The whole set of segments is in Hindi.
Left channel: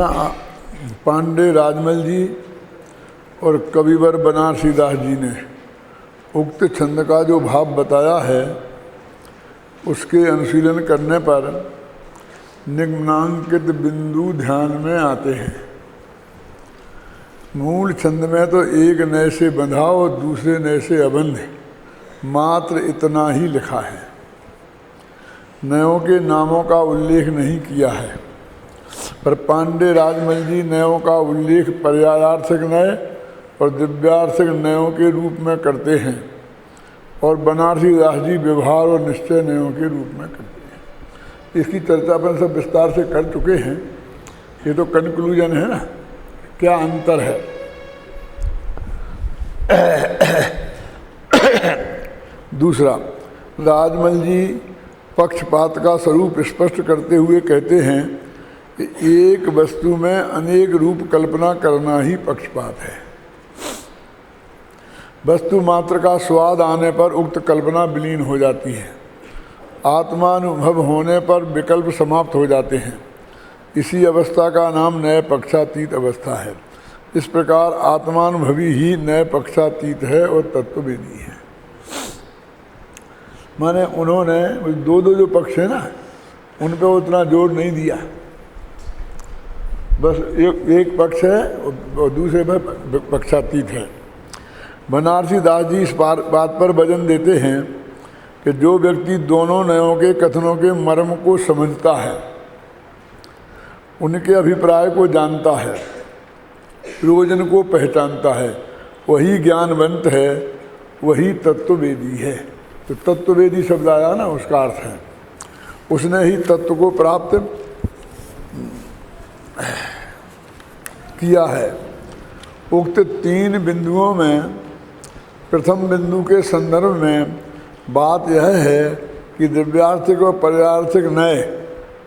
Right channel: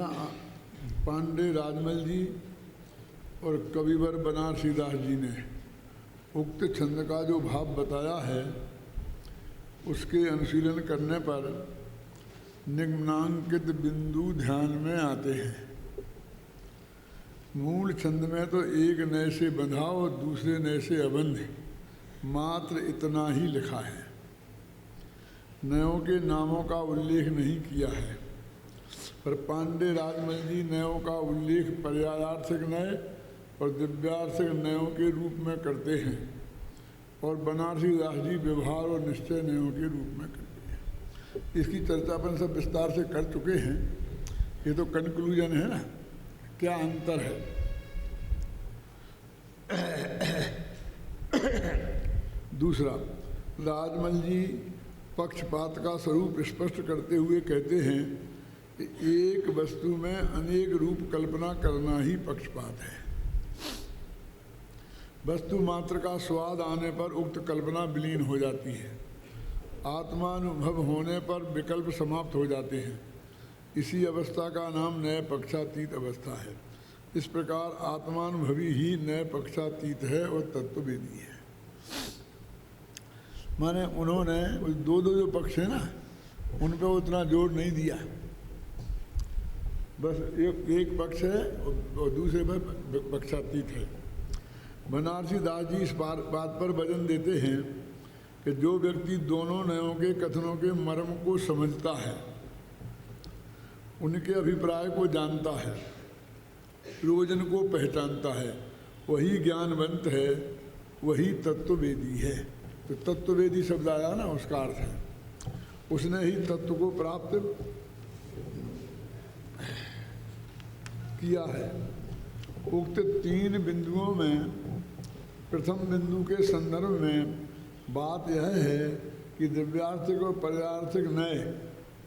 ना पांडे राजमल जी और कविवर बनारसी दास जी ने उक्त छंद का जो भाव बताया है उसके अनुशीलन करने पर निम्नांकित बिंदु ध्यान में आते हैं। मूल छंद में तो एक नए से बंधा और दूसरे नए से अबंध मात्र इतना ही लिखा है, नयों के नामों का उल्लेख नहीं किया है। पर पांडे राजमल जी नयों का उल्लेख पर्यायार्थक नय और दिव्यार्थक नयों के रूप में करते हैं और बनारसी दास जी व्यवहार और निश्चय नयों के रूप में करते हैं। इसकी चर्चा अपन सब विस्तार से कर चुके हैं। ये तो कंक्लूजन है ना, क्या अंतर है। दूसरा, राजमल जी पक्षपात का स्वरूप स्पष्ट करते हुए कहते हैं कि एक वस्तु में अनेक रूप कल्पना करना ही पक्षपात है। वस्तु मात्र का स्वाद आने पर उक्त कल्पना विलीन हो जाती है, आत्मानुभव होने पर विकल्प समाप्त हो जाते हैं। इसी अवस्था का नाम नए पक्षातीत अवस्था है। इस प्रकार आत्मानुभवी ही नए पक्षातीत है और तत्ववेदी है। माने उन्होंने दो दो जो पक्ष है ना उन पर उतना जोर नहीं दिया, बस एक पक्ष है और दूसरे में पक्षातीत है। बनारसी दास जी इस बात पर वजन देते हैं कि जो व्यक्ति दोनों नयों के कथनों के मर्म को समझता है, उनके अभिप्राय को जानता है, प्रयोजन को पहचानता है, वही ज्ञानवंत है, वही तत्ववेदी है। तो तत्ववेदी शब्द आया ना, उसका अर्थ है उसने ही तत्व को प्राप्त किया है। उक्त तीन बिंदुओं में प्रथम बिंदु के संदर्भ में बात यह है कि दिव्यार्थिक और पर्यार्थिक नय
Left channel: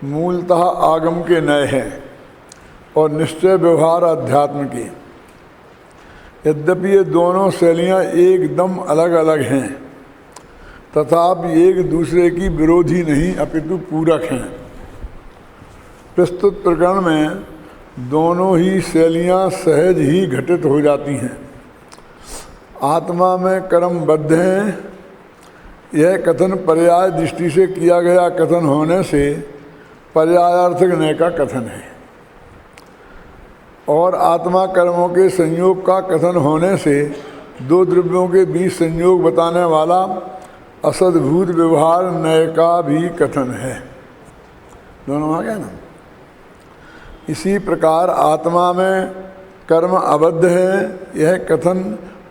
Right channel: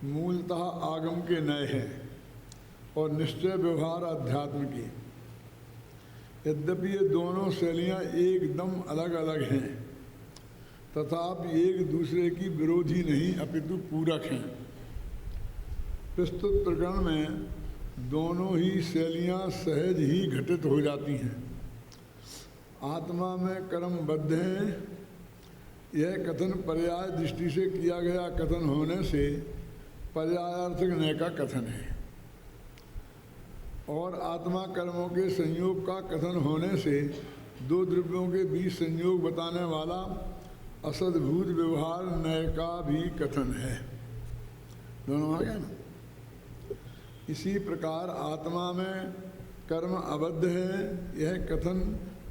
मूलतः आगम के नय हैं और निश्चय व्यवहार अध्यात्म की। यद्यपि ये दोनों शैलियाँ एकदम अलग अलग हैं, तथापि एक दूसरे की विरोधी नहीं अपितु पूरक हैं। प्रस्तुत प्रकरण में दोनों ही शैलियाँ सहज ही घटित हो जाती हैं। आत्मा में कर्मबद्ध हैं, यह कथन पर्याय दृष्टि से किया गया कथन होने से पर्यायार्थक नय का कथन है, और आत्मा कर्मों के संयोग का कथन होने से दो द्रव्यों के बीच संयोग बताने वाला असद्भूत व्यवहार नय का भी कथन है। दोनों आ गया ना। इसी प्रकार आत्मा में कर्म अबद्ध है, यह कथन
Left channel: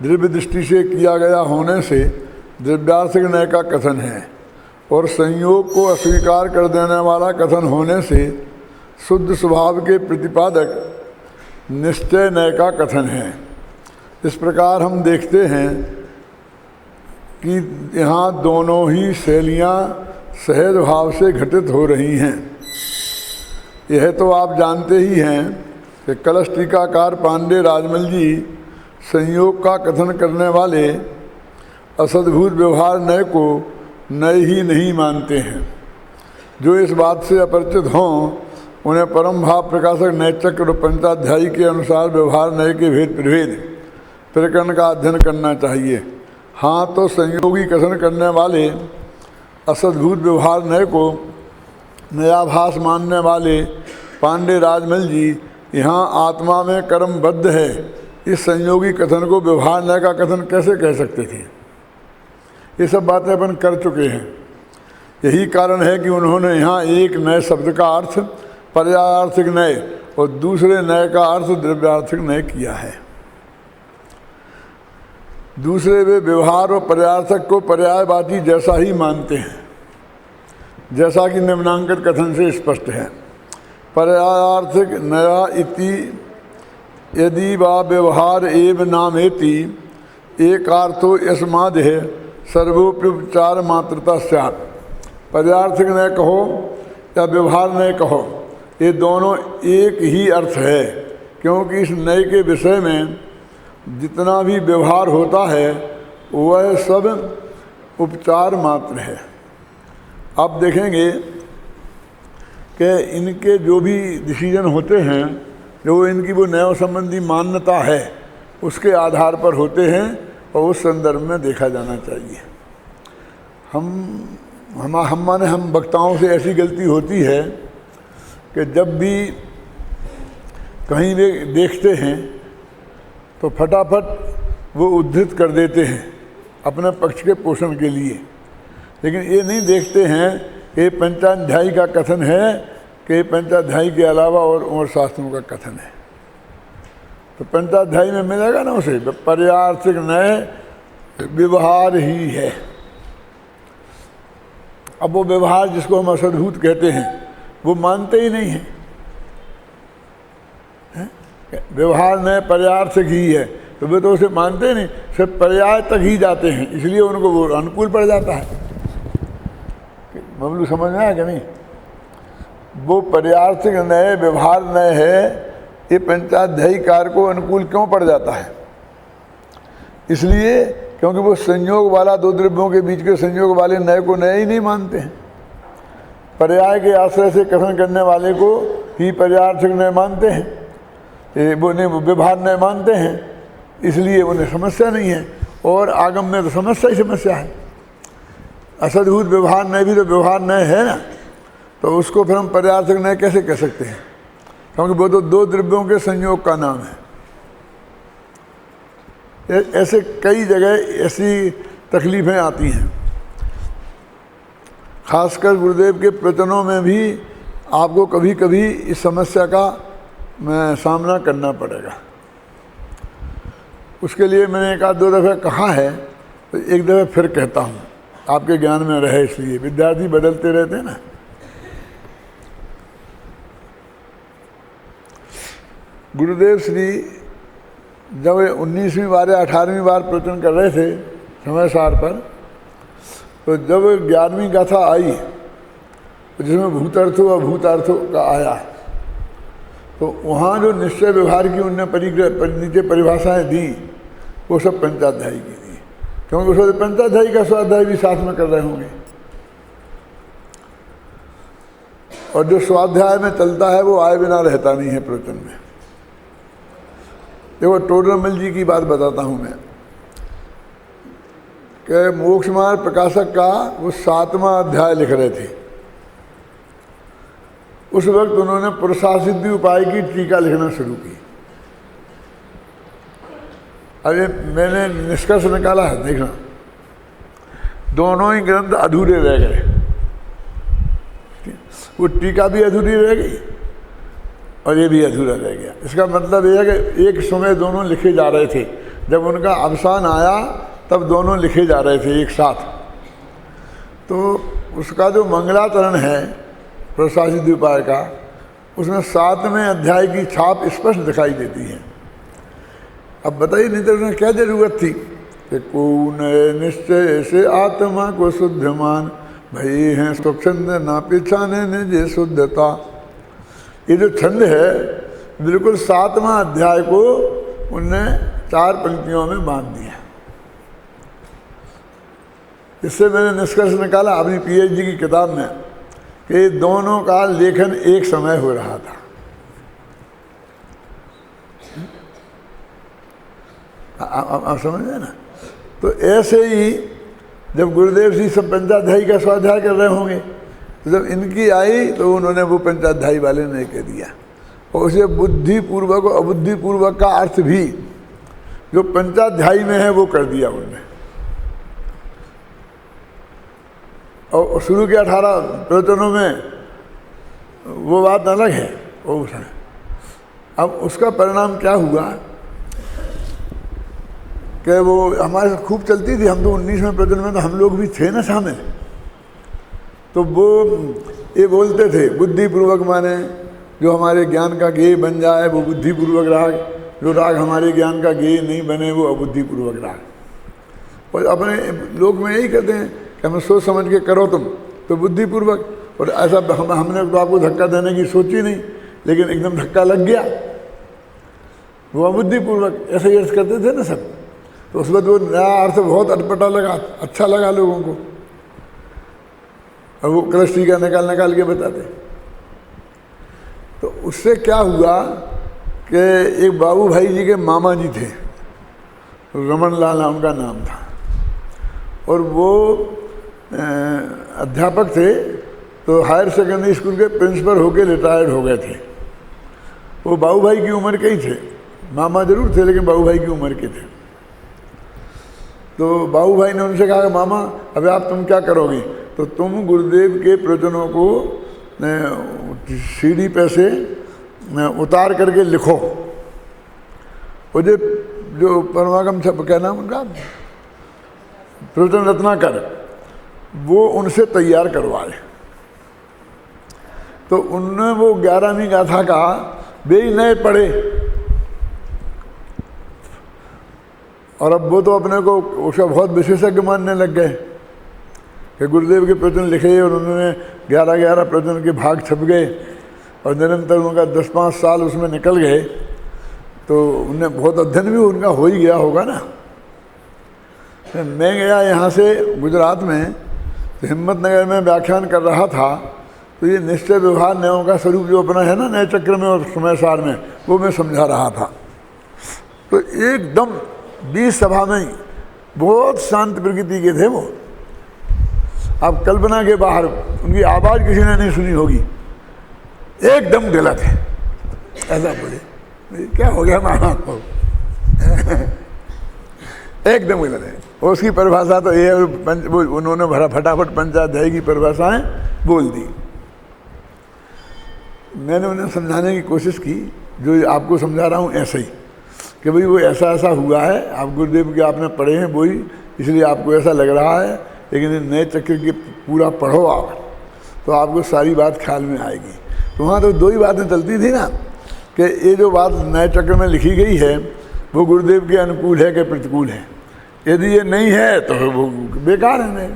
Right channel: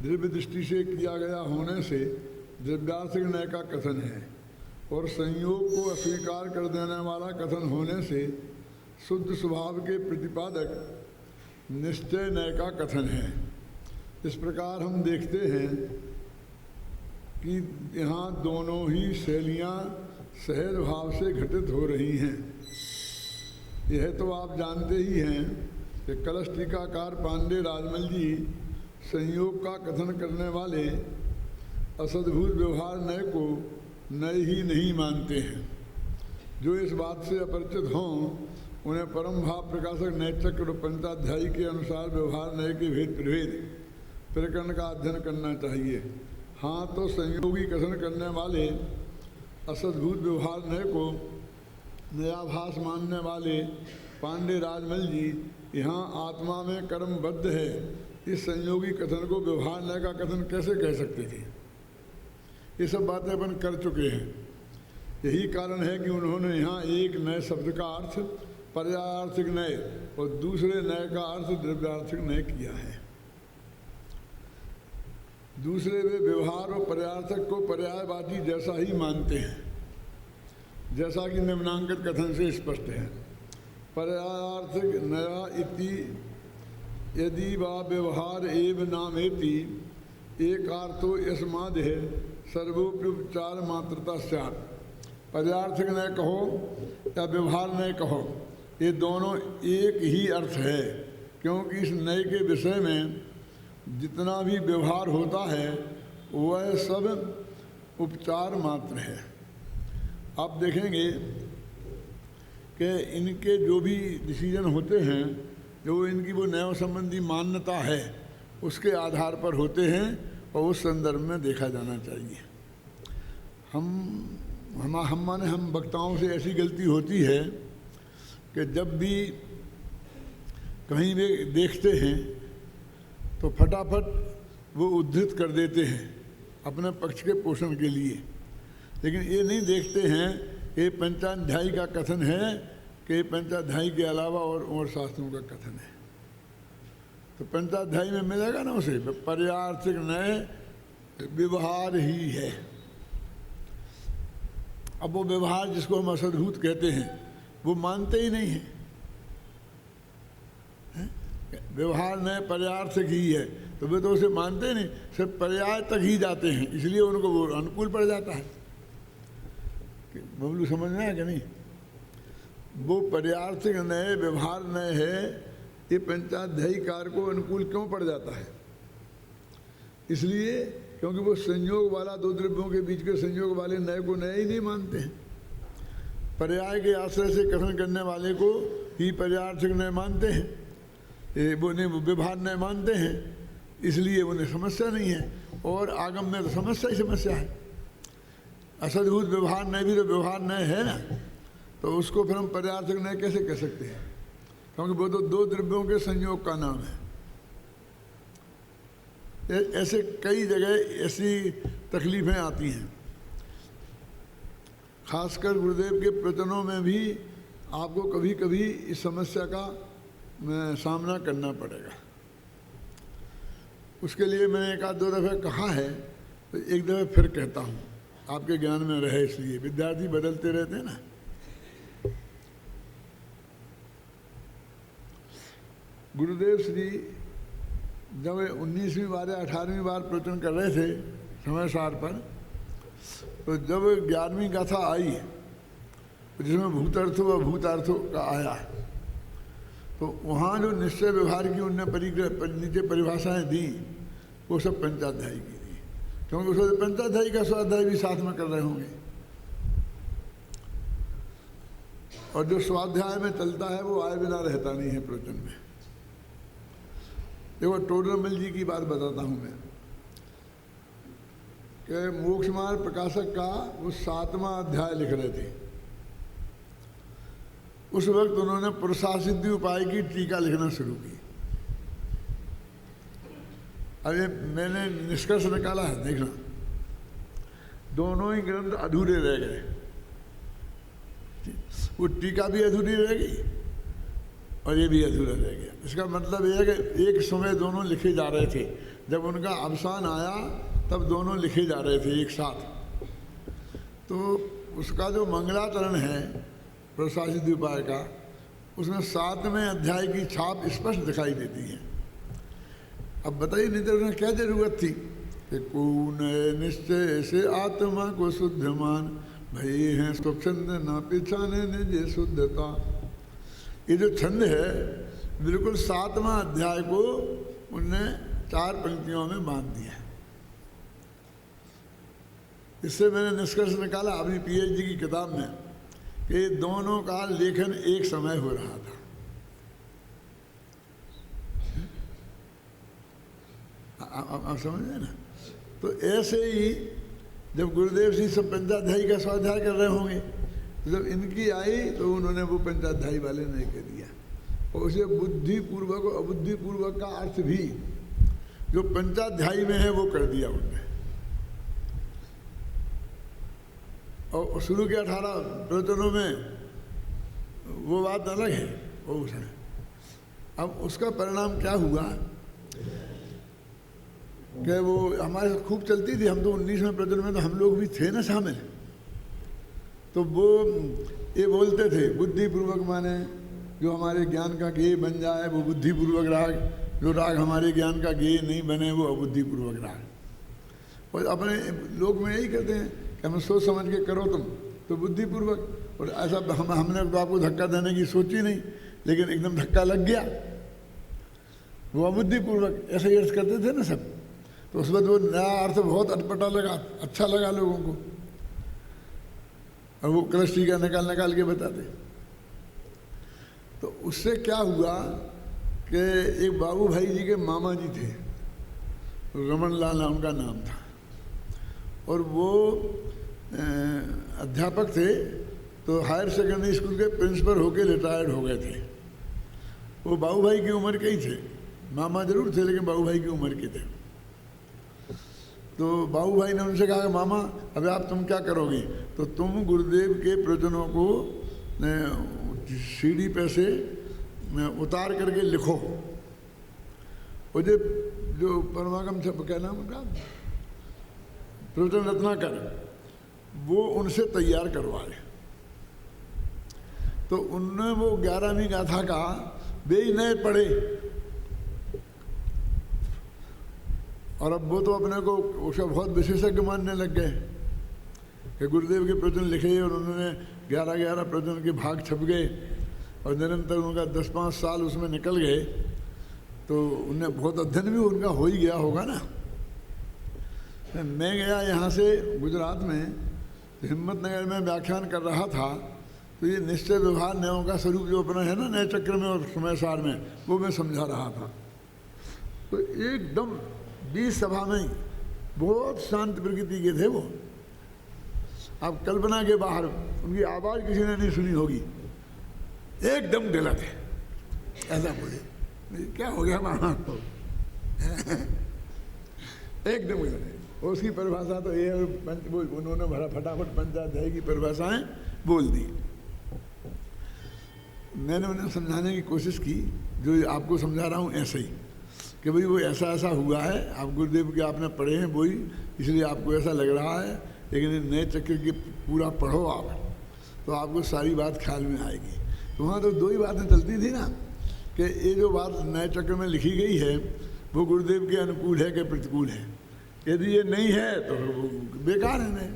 द्रव्य दृष्टि से किया गया होने से द्रव्यार्थिक नय का कथन है, और संयोग को अस्वीकार कर देने वाला कथन होने से शुद्ध स्वभाव के प्रतिपादक निश्चय नय का कथन है। इस प्रकार हम देखते हैं कि यहाँ दोनों ही शैलियाँ सहज भाव से घटित हो रही हैं। यह तो आप जानते ही हैं कि कलश टीकाकार पांडे राजमल जी संयोग का कथन करने वाले असद्भुत व्यवहार नय को नय ही नहीं मानते हैं। जो इस बात से अपरिचित हों उन्हें परम भाव प्रकाशक नैचक्र और पंचाध्यायी के अनुसार व्यवहार नय के भेद प्रभेद प्रकरण का अध्ययन करना चाहिए। हाँ, तो संयोगी कथन करने वाले असद्भुत व्यवहार नय को नयाभास मानने वाले पांडे राजमल जी यहाँ आत्मा में कर्मबद्ध है, इस संयोगी कथन को व्यवहार नय का कथन कैसे कह सकते थे। ये सब बातें अपन कर चुके हैं। यही कारण है कि उन्होंने यहाँ एक नए शब्द का अर्थ पर्यायार्थिक नय और दूसरे नय का अर्थ द्रव्यार्थिक नय किया है। दूसरे वे व्यवहार और पर्यायार्थक को पर्यायवाची जैसा ही मानते हैं, जैसा कि निम्नांकित कथन से स्पष्ट है। पर्यायार्थिक नया इति यदि वा व्यवहार एव नामेति एकार्थो यस्मादेह सर्वोपचार मात्रता स्यात्। पर्यायार्थिक नय कहो या व्यवहार नय कहो, ये दोनों एक ही अर्थ है, क्योंकि इस नय के विषय में जितना भी व्यवहार होता है वह सब उपचार मात्र है। आप देखेंगे कि इनके जो भी डिसीजन होते हैं जो इनकी वो न्याय संबंधी मान्यता है उसके आधार पर होते हैं और उस संदर्भ में देखा जाना चाहिए। हम वक्ताओं से ऐसी गलती होती है कि जब भी कहीं भी देखते हैं तो फटाफट वो उद्धृत कर देते हैं अपने पक्ष के पोषण के लिए, लेकिन ये नहीं देखते हैं कि पंचाध्यायी का कथन है कि पंचाध्यायी के अलावा और शास्त्रों का कथन है। तो पंचाध्यायी में मिलेगा ना उसे पर्यार्थिक नए व्यवहार ही है। अब वो व्यवहार जिसको हम असद्भूत कहते हैं वो मानते ही नहीं है। व्यवहार नए पर्यार्थक ही है तो वे तो उसे मानते ही नहीं, सिर्फ पर्याय तक ही जाते हैं, इसलिए उनको वो अनुकूल पड़ जाता है। बबलू समझ में आया कि नहीं? वो पर्यार्थिक नए व्यवहार नए है, ये पंचाध्यायी कार को अनुकूल क्यों पड़ जाता है? इसलिए क्योंकि वो संयोग वाला, दो द्रव्यों के बीच के संयोग वाले नए को नए ही नहीं मानते हैं। पर्याय के आश्रय से कथन करने वाले को ही पर्यार्थिक नए मानते हैं, वो व्यवहार नए मानते हैं, इसलिए उन्हें समस्या नहीं है। और आगम में तो समस्या ही समस्या है। असद्भूत व्यवहार नए भी तो व्यवहार नए है ना, तो उसको फिर हम पर्यार्थिक नए कैसे कह सकते हैं? क्योंकि वो तो दो द्रव्यों के संयोग का नाम है। ऐसे कई जगह ऐसी तकलीफें आती हैं, खासकर गुरुदेव के प्रवचनों में भी आपको कभी कभी इस समस्या का सामना करना पड़ेगा। उसके लिए मैंने एक आध दो दफ़े कहा है, तो एक दफ़े फिर कहता हूँ, आपके ज्ञान में रहे, इसलिए विद्यार्थी बदलते रहते हैं ना। गुरुदेव श्री जब 19वीं बार या 18वीं बार प्रवचन कर रहे थे समय सार पर, तो जब 11वीं गाथा आई जिसमें भूतार्थों और भूतार्थों का आया, तो वहाँ जो निश्चय व्यवहार की उनने नीचे परिभाषाएं दी वो सब पंचाध्यायी की दी, क्योंकि उसमें पंचाध्यायी का स्वाध्याय भी साथ में कर रहे होंगे। और जो स्वाध्याय में चलता है वो आए बिना रहता नहीं है प्रवचन में। देखो टोडरमल जी की बात बताता हूँ मैं, कि मोक्ष मार्ग प्रकाशक का वो 7वां अध्याय लिख रहे थे। उस वक्त उन्होंने पुरुषासिद्धि उपाय की टीका लिखना शुरू की। अरे मैंने निष्कर्ष निकाला है, देखना, दोनों ही ग्रंथ अधूरे रह गए। वो टीका भी अधूरी रह गई और ये भी अधूरा रह गया। इसका मतलब यह है कि एक समय दोनों लिखे जा रहे थे, जब उनका अवसान आया तब दोनों लिखे जा रहे थे एक साथ। तो उसका जो मंगलाचरण है प्रसादित उपाय का, उसमें 7वें अध्याय की छाप स्पष्ट दिखाई देती है। अब बताइए, नहीं तो उन्हें क्या जरूरत थी कि कौन निश्चय से आत्मा को शुद्ध मान, भई हैं स्वच्छंद ना पिछाने निज शुद्धता। ये जो छंद है बिल्कुल 7वां अध्याय को उनने 4 पंक्तियों में बांध दिया। इससे मैंने निष्कर्ष निकाला अपनी पीएचडी की किताब में कि दोनों का लेखन एक समय हो रहा था। आप समझ गए ना? तो ऐसे ही जब गुरुदेव जी सब पंचाध्यायी का स्वाध्याय कर रहे होंगे, तो जब इनकी आई तो उन्होंने वो पंचाध्यायी वाले ने कह दिया, और उसे बुद्धिपूर्वक और अबुद्धिपूर्वक का अर्थ भी जो पंचाध्यायी में है वो कर दिया उन्होंने। और शुरू के 18 प्रवचनों में वो बात अलग है, वो है। अब उसका परिणाम क्या हुआ कि वो हमारे साथ खूब चलती थी। हम तो 19वें प्रवचन में तो हम लोग भी थे ना शामिल। तो वो ये बोलते थे बुद्धिपूर्वक, माने जो हमारे ज्ञान का गेय बन जाए वो बुद्धिपूर्वक राग, जो राग हमारे ज्ञान का गेय नहीं बने वो अबुद्धिपूर्वक राग। और अपने लोग में यही कहते हैं कि हमें सोच समझ के करो तुम तो बुद्धिपूर्वक, और ऐसा हमने तो आपको धक्का देने की सोची नहीं, लेकिन एकदम धक्का लग गया, वो अबुद्धिपूर्वक, ऐसे ही अर्थ करते थे ना सब। तो उस वक्त वो नया अर्थ बहुत अटपटा लगा, अच्छा लगा लोगों को, और वो कृष्ण का निकाल के बताते। तो उससे क्या हुआ कि एक बाबू भाई जी के मामा जी थे, रमन लाल उनका नाम था, और वो अध्यापक थे, तो हायर सेकेंडरी स्कूल के प्रिंसिपल होके रिटायर्ड हो गए थे। वो बाबू भाई की उम्र के ही थे, मामा जरूर थे लेकिन बाबू भाई की उम्र के थे। तो बाबू भाई ने उनसे कहा, मामा अब आप तुम क्या करोगे? तो तुम गुरुदेव के प्रवचनों को सीडी पे से उतार करके लिखो। वो जो परमागम क्या नाम उनका, प्रवचन रत्नाकर, वो उनसे तैयार करवाए। तो उनने वो 11वीं गाथा का वे ही नए पढ़े, और अब वो तो अपने को उसका बहुत विशेषज्ञ मानने लग गए कि गुरुदेव के प्रवचन लिखे, और उन्होंने 11 प्रवचन के भाग छप गए, और निरंतर उनका 10-5 साल उसमें निकल गए। तो उन्हें बहुत अध्ययन भी उनका हो ही गया होगा ना। मैं गया यहाँ से गुजरात में, तो हिम्मतनगर में व्याख्यान कर रहा था, तो ये निश्चय व्यवहार न्यायों का स्वरूप जो अपना है ना नए चक्र में और समय सार में, वो मैं समझा रहा था। तो एकदम 20 सभा में बहुत शांत प्रकृति के थे वो, आप कल्पना के बाहर, उनकी आवाज़ किसी ने नहीं सुनी होगी, एकदम गलत है ऐसा बोले। क्या हो गया मामा को एकदम गलत है। उसकी परिभाषा तो ये, उन्होंने भरा फटाफट पंचाध्यायी की परिभाषाएं बोल दी। मैंने उन्हें समझाने की कोशिश की, जो आपको समझा रहा हूँ ऐसे ही, कि भाई वो ऐसा ऐसा हुआ है, आप गुरुदेव के आपने पढ़े हैं वही, इसलिए आपको ऐसा लग रहा है, लेकिन नए चक्र के पूरा पढ़ो आप, तो आपको सारी बात ख्याल में आएगी। तो वहाँ तो 2 ही बातें चलती थी ना, कि ये जो बात नए चक्र में लिखी गई है वो गुरुदेव के अनुकूल है कि प्रतिकूल है। यदि ये नहीं है तो वो बेकार है,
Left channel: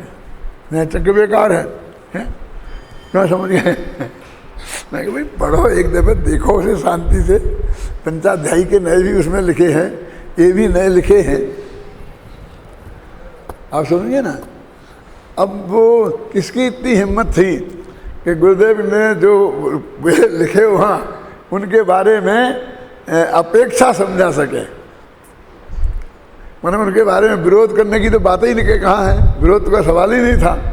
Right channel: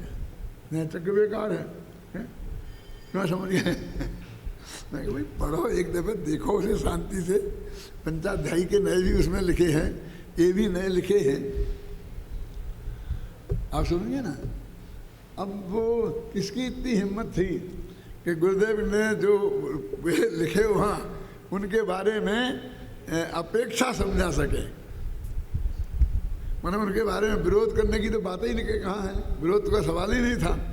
नए चक्र बेकार है, क्या समझ गए? मैं कि भाई पढ़ो एक दफ़े, देखो उसे शांति से। पंचाध्यायी के नए भी उसमें लिखे हैं, ये भी नए लिखे हैं, आप समझिए ना। अब वो किसकी इतनी हिम्मत थी कि गुरुदेव ने जो लिखे वहाँ उनके बारे में अपेक्षा समझा सके, मतलब उनके बारे में विरोध करने की तो बात ही नहीं, कहाँ है, विरोध का सवाल ही नहीं था।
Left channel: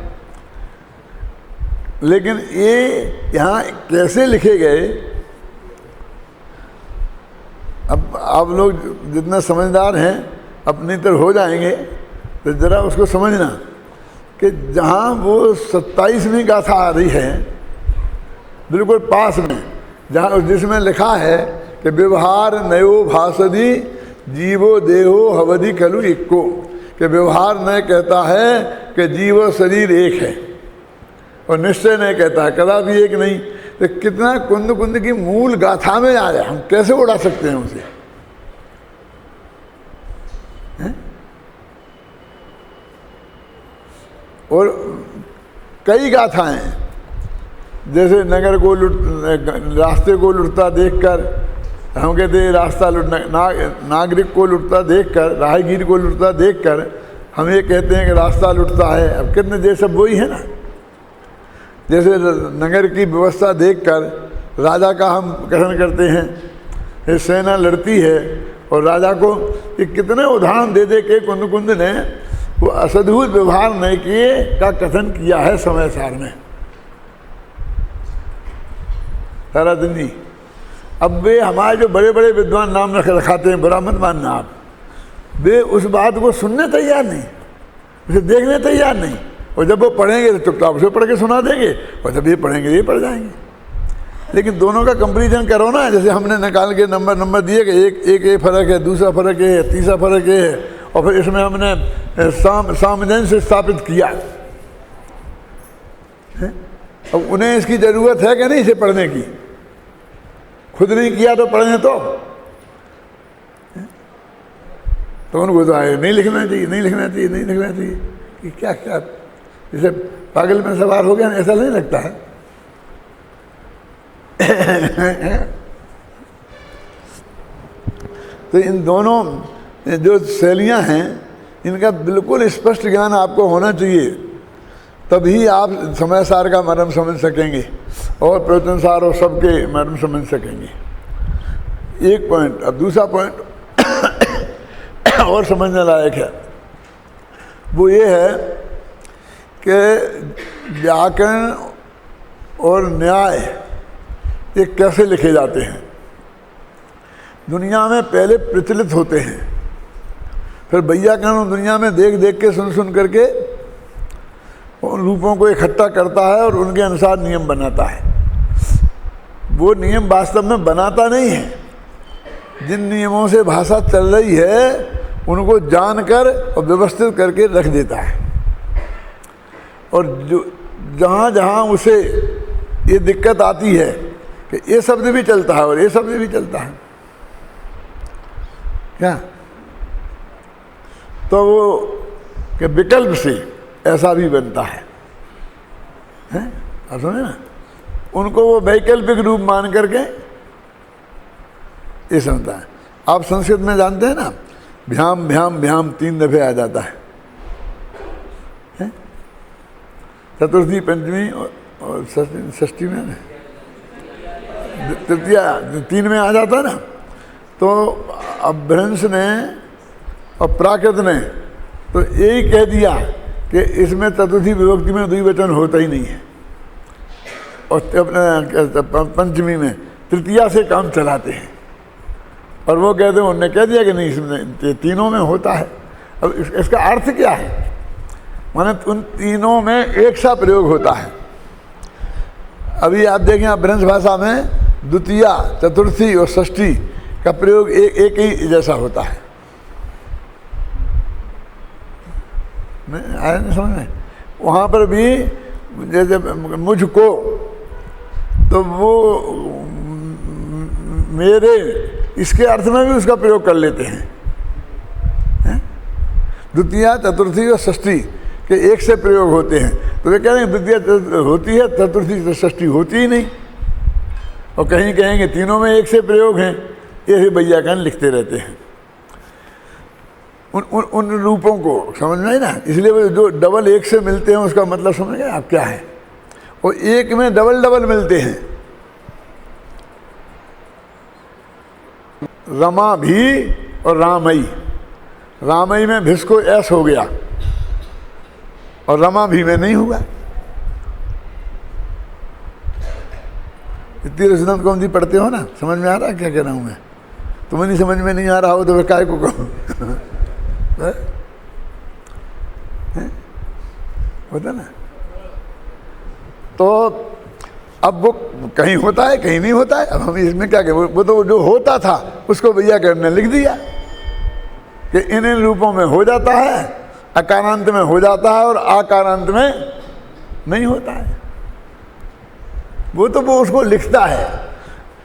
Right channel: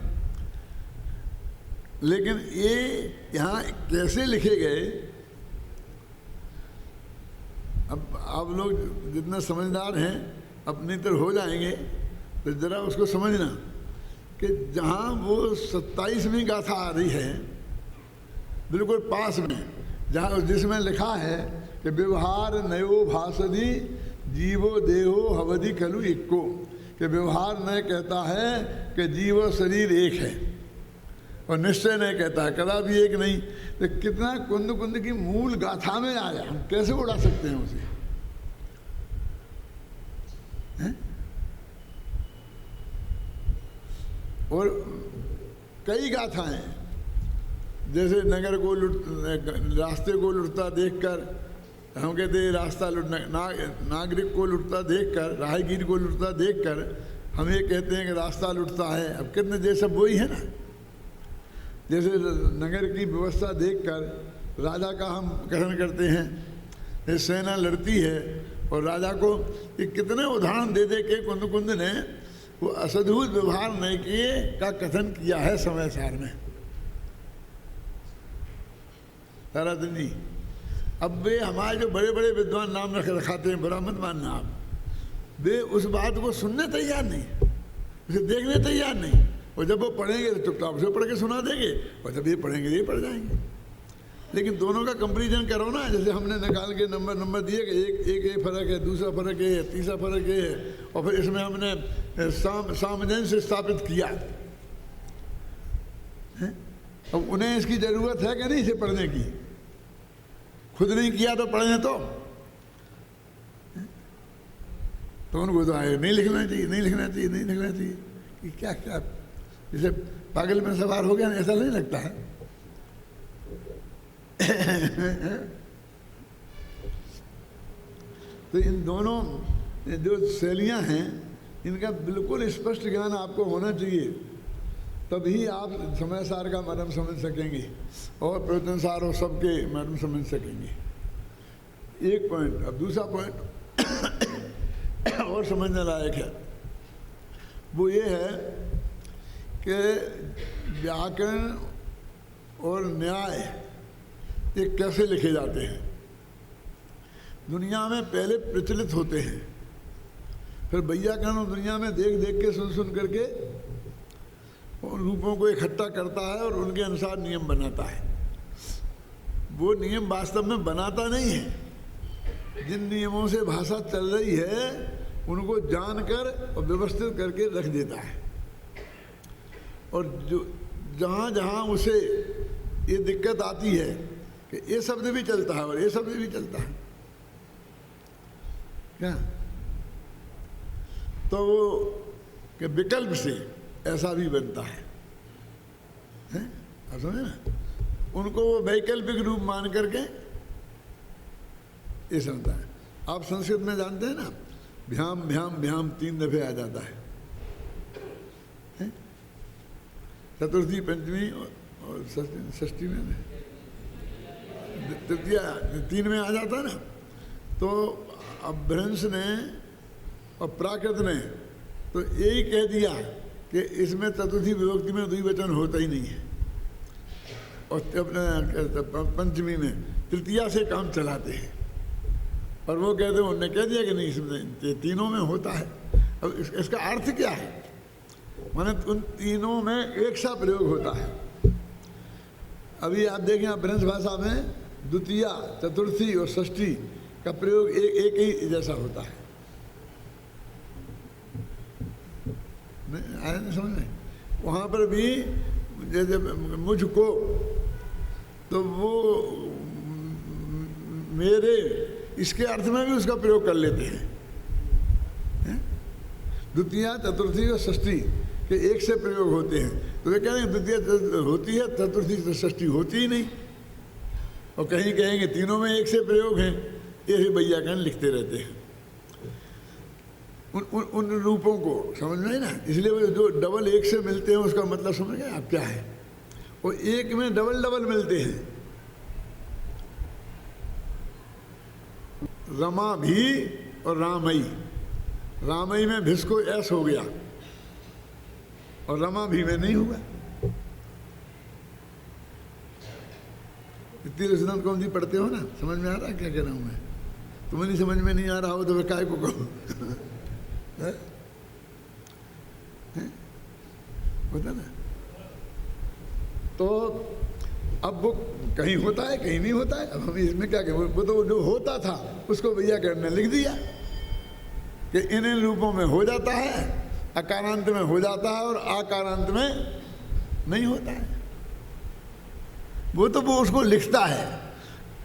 लेकिन ये यहाँ कैसे लिखे गए, अब आप लोग जितना समझदार हैं अपनी तरह हो जाएंगे, तो ज़रा उसको समझना कि जहाँ वो 27वीं गाथा आ रही है बिल्कुल पास में, जहाँ जिसमें लिखा है कि व्यवहार नयो भासदी जीवो देहो हवधि कलु इक्को, कि व्यवहार नय कहता है कि जीव शरीर एक है, और निश्चय नहीं कहता है कदापि एक नहीं। तो कितना कुंद कुंद की मूल गाथा में आया, हम कैसे उड़ा सकते हैं उसे? और कई गाथाएं, जैसे नगर को रास्ते को लुटता देखकर, हम कहते रास्ता लुटना, नागरिक को लुटता देखकर, राहगीर को लुटता देखकर हम ये कहते हैं कि रास्ता लुटता है। अब कितने जैसे वही है ना, जैसे नगर की व्यवस्था देखकर राजा का हम कथन करते हैं, ये सेना लड़ती है और राजा को, ये कितने उदाहरण दे दे के कुंद कुंद ने वो असद्भुत व्यवहार नहीं किए का कथन किया है समय सार में सारा दिन ही। अब वे हमारे जो बड़े बड़े विद्वान नाम रखाते हैं, बुरा मत मानना आप, वे उस बात को सुनने तैयार नहीं, उसे देखने तैयार नहीं, और जब वो पढ़ेंगे तो चुपचाप उसे पढ़ के सुना देंगे, और जब ये पढ़ेंगे ये पढ़ जाएंगे। लेकिन दोनों का कंपैरिजन करो ना, जैसे हमने निकाल के नंबर दिए कि एक ये फर्क है, दूसरा फर्क है, तीसरा फर्क है, और फिर इसमें हमने सामंजस्य स्थापित किया। अब उन्हें इसकी ज़रूरत है कि नहीं इसे पढ़ने की? खुद नहीं किया तो पढ़ें तो उनको तो आए नहीं लिखना चाहिए, नहीं लिखना चाहिए, नहीं लिखना चाहिए, कि क्या क्या जैसे पागल में सवार हो गया, ऐसा नहीं लगता है? तो इन दोनों जो शैलियाँ हैं, इनका बिल्कुल स्पष्ट ज्ञान आपको होना चाहिए, तभी आप समय सार का मर्म समझ सकेंगे और प्रवचन सार और सबके मर्म समझ सकेंगे। एक पॉइंट। अब दूसरा पॉइंट और समझने लायक है, वो ये है कि व्याकरण और न्याय ये कैसे लिखे जाते हैं। दुनिया में पहले प्रचलित होते हैं, फिर वैयाकरण दुनिया में देख देख के सुन करके उन रूपों को इकट्ठा करता है और उनके अनुसार नियम बनाता है। वो नियम वास्तव में बनाता नहीं है, जिन नियमों से भाषा चल रही है उनको जानकर और व्यवस्थित करके रख देता है। और जो जहाँ जहाँ उसे ये दिक्कत आती है कि ये शब्द भी चलता है और ये शब्द भी चलता है क्या, तो वो कि विकल्प से ऐसा भी बनता है, आप समझे ना। उनको वो वैकल्पिक रूप मान करके ये समझता है। आप संस्कृत में जानते हैं ना, भ्याम भ्याम भ्याम 3 दफे आ जाता है, चतुर्थी, पंचमी और षष्ठी में, तृतीया 3 में आ जाता है ना। तो अपभ्रंश ने और प्राकृत ने तो यही कह दिया कि इसमें चतुर्थी विभक्ति में द्विवचन होता ही नहीं है, और अपने पंचमी में तृतीया से काम चलाते हैं। और वो कहते हैं, उन्होंने कह दिया कि नहीं इसमें तीनों में होता है। अब इसका अर्थ क्या है, माने उन तीनों में एक सा प्रयोग होता है। अभी आप देखें अपभ्रंश भाषा में द्वितीया, चतुर्थी और षष्ठी का प्रयोग एक ही जैसा होता है। आया नहीं समझ में। वहाँ पर भी जैसे मुझको, तो वो मेरे, इसके अर्थ में भी उसका प्रयोग कर लेते हैं। द्वितीया, चतुर्थी और षष्ठी के एक से प्रयोग होते हैं, तो वे कह रहे हैं द्वितीया होती है, चतुर्थी षष्ठी होती ही नहीं। और कहीं कहेंगे तीनों में एक से प्रयोग हैं, ये वैयाकरण लिखते रहते हैं। उन रूपों को समझ में ना, इसलिए वो जो डबल एक से मिलते हैं उसका मतलब समझ गए आप क्या है। और एक में डबल डबल मिलते हैं, रमा भी और रामई। रामई में भिस को ऐस हो गया और रमा भी में नहीं हुआ। इतनी रसदन कौन सी पढ़ते हो ना, समझ में आ रहा है क्या कह रहा हूँ मैं। तुम्हें नहीं समझ में नहीं आ रहा हो तो वे काय को कहो। होता ना। तो अब वो कहीं होता है कहीं नहीं होता है। अब हम इसमें क्या कहें, वो तो जो होता था उसको वैयाकरण ने लिख दिया कि इन रूपों में हो जाता है, अकारांत में हो जाता है और आकारांत में नहीं होता है। वो तो वो उसको लिखता है।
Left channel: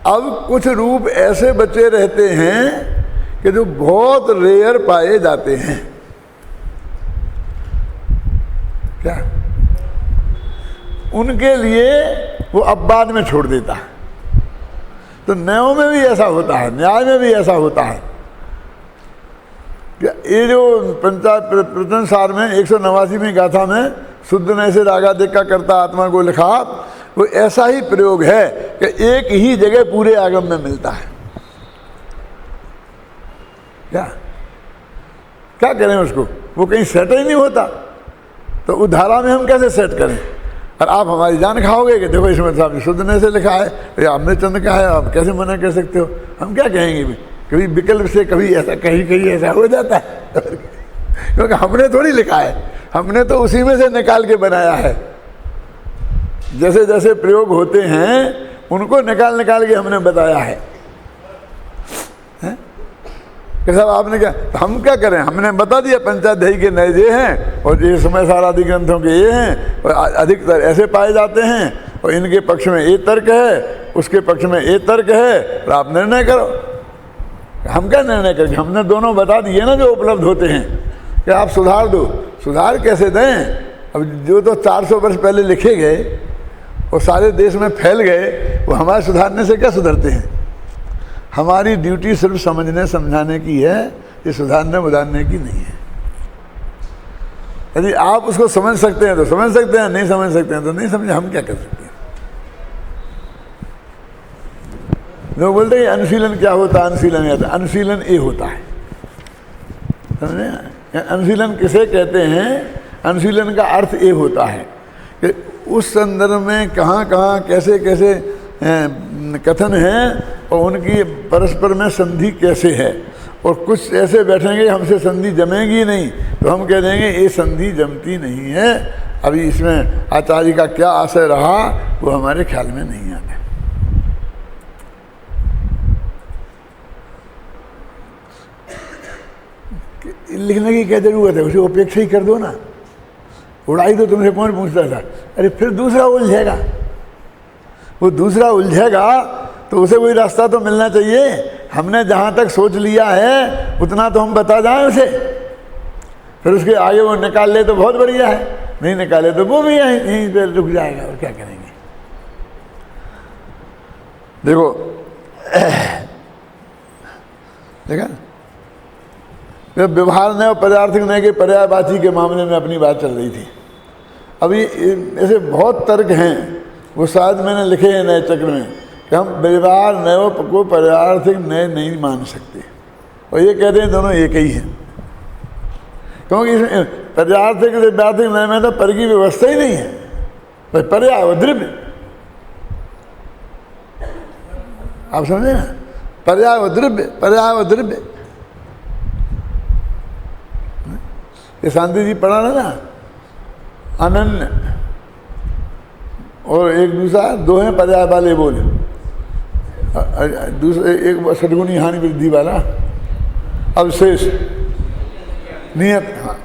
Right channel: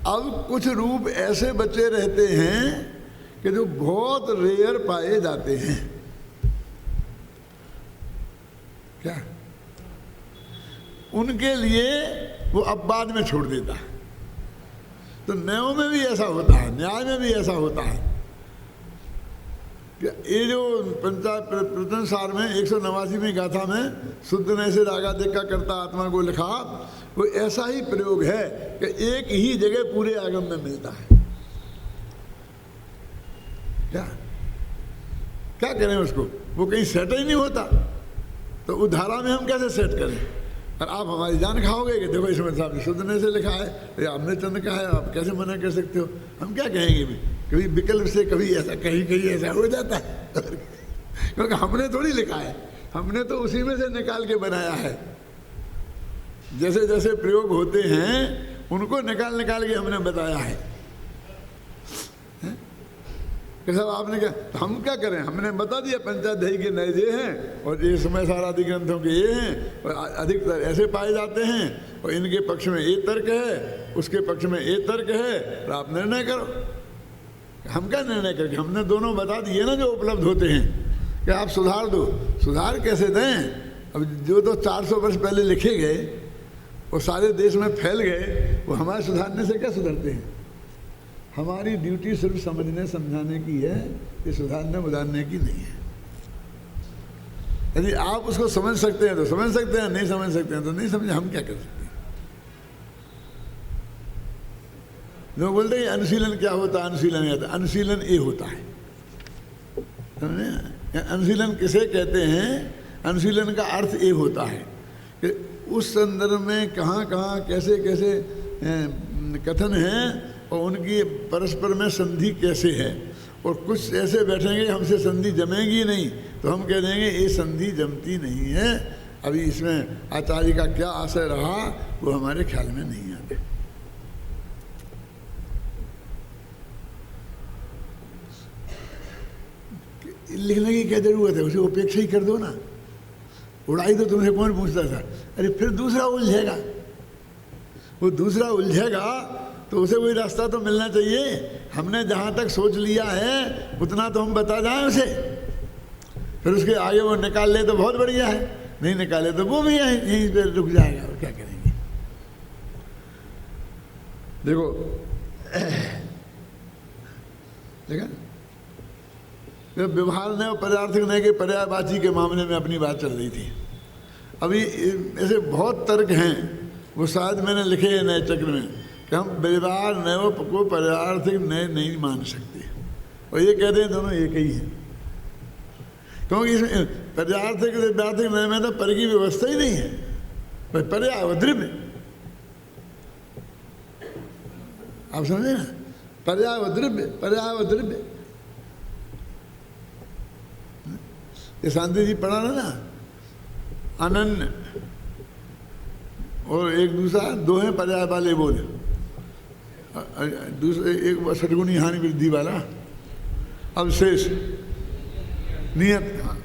अब कुछ रूप ऐसे बचे रहते हैं कि जो बहुत रेयर पाए जाते हैं। क्या उनके लिए वो अब बाद में छोड़ देता है। तो न्यायों में भी ऐसा होता है, न्याय में भी ऐसा होता है। ये जो प्रतनसार में 189वीं गाथा में शुद्ध नय से रागादिक का कर्ता आत्मा को लिखा, वो ऐसा ही प्रयोग है कि एक ही जगह पूरे आगम में मिलता है। क्या करें उसको, वो कहीं सेट ही नहीं होता। तो उद्धारा में हम कैसे सेट करें। और आप हमारी जान खाओगे कि देखो इसमें साहब शुद्ध नय से लिखा है, या आपने चंद का है, आप कैसे मना कर सकते हो। हम क्या कहेंगे भी, कभी विकल्प से कभी ऐसा, कहीं कहीं ऐसा हो जाता है। क्योंकि हमने थोड़ी लिखा है, हमने तो उसी में से निकाल के बनाया है। जैसे जैसे प्रयोग होते हैं उनको निकाल निकाल के हमने बताया है। कि साहब आपने क्या, तो हम क्या करें, हमने बता दिया पंचाध्यायी के नए ये हैं और ये समय सारा आदि ग्रंथों के ये हैं और अधिकतर ऐसे पाए जाते हैं और इनके पक्ष में ये तर्क है, उसके पक्ष में ये तर्क है, तो आप निर्णय करो। हम क्या निर्णय करेंगे, हमने दोनों बता दिए ना जो उपलब्ध होते हैं कि आप सुधार दो। सुधार कैसे दें, अब जो तो 400 वर्ष पहले लिखे गए और सारे देश में फैल गए, वो हमारे सुधारने से क्या सुधरते हैं। हमारी ड्यूटी सिर्फ समझने समझाने की है, ये सुधारने बुधारने की नहीं है। यदि आप उसको समझ सकते हैं तो समझ सकते हैं, नहीं समझ सकते हैं तो नहीं समझे, हम क्या कर सकते हैं। लोग बोलते हैं अनुशीलन क्या होता है, अनुशीलन क्या होता है? अनुशीलन ये होता है, समझे? अनुशीलन किसे कहते हैं? अनुशीलन का अर्थ ये होता है कि उस संदर्भ में कहाँ कहाँ कैसे कैसे कथन हैं और उनकी परस्पर में संधि कैसे है। और कुछ ऐसे बैठेंगे हमसे संधि जमेगी नहीं, तो हम कह देंगे ये संधि जमती नहीं है, अभी इसमें आचार्य का क्या आशय रहा वो हमारे ख्याल में नहीं आते। लिखने की क्या जरूरत है, उसे उपेक्षा ही कर दो ना, उड़ाई तो तुमसे कौन पूछता था। अरे फिर दूसरा उलझेगा, वो दूसरा उलझेगा तो उसे कोई रास्ता तो मिलना चाहिए। हमने जहाँ तक सोच लिया है उतना तो हम बता जाएं उसे, फिर उसके आगे वो निकाल ले तो बहुत बढ़िया है, नहीं निकाले तो वो भी यहीं पे रुक जाएगा, और क्या करेंगे। देखो देखा ना, व्यवहार नय और पर्यार्थक नय के पर्यायवाची के मामले में अपनी बात चल रही थी। अभी ऐसे बहुत तर्क हैं, वो शायद मैंने लिखे हैं नए चक्र में, कि हम व्यवहार नय को पर्यार्थक नय नहीं मान सकते, और ये कहते हैं दोनों एक ही हैं, क्योंकि इसमें पर्यार्थक व्यार्थक नय में तो पर की व्यवस्था ही नहीं है, पर पर्याय व द्रव्य, आप समझे ना, पर्याय व द्रव्य, पर्याय व द्रव्य। ये शांति जी पढ़ा ना, अनन्य और एक दूसरा, दो हैं पर्याय वाले बोले, दूसरे एक सद्गुणी हानि वृद्धि वाला, अवशेष नियत। हाँ,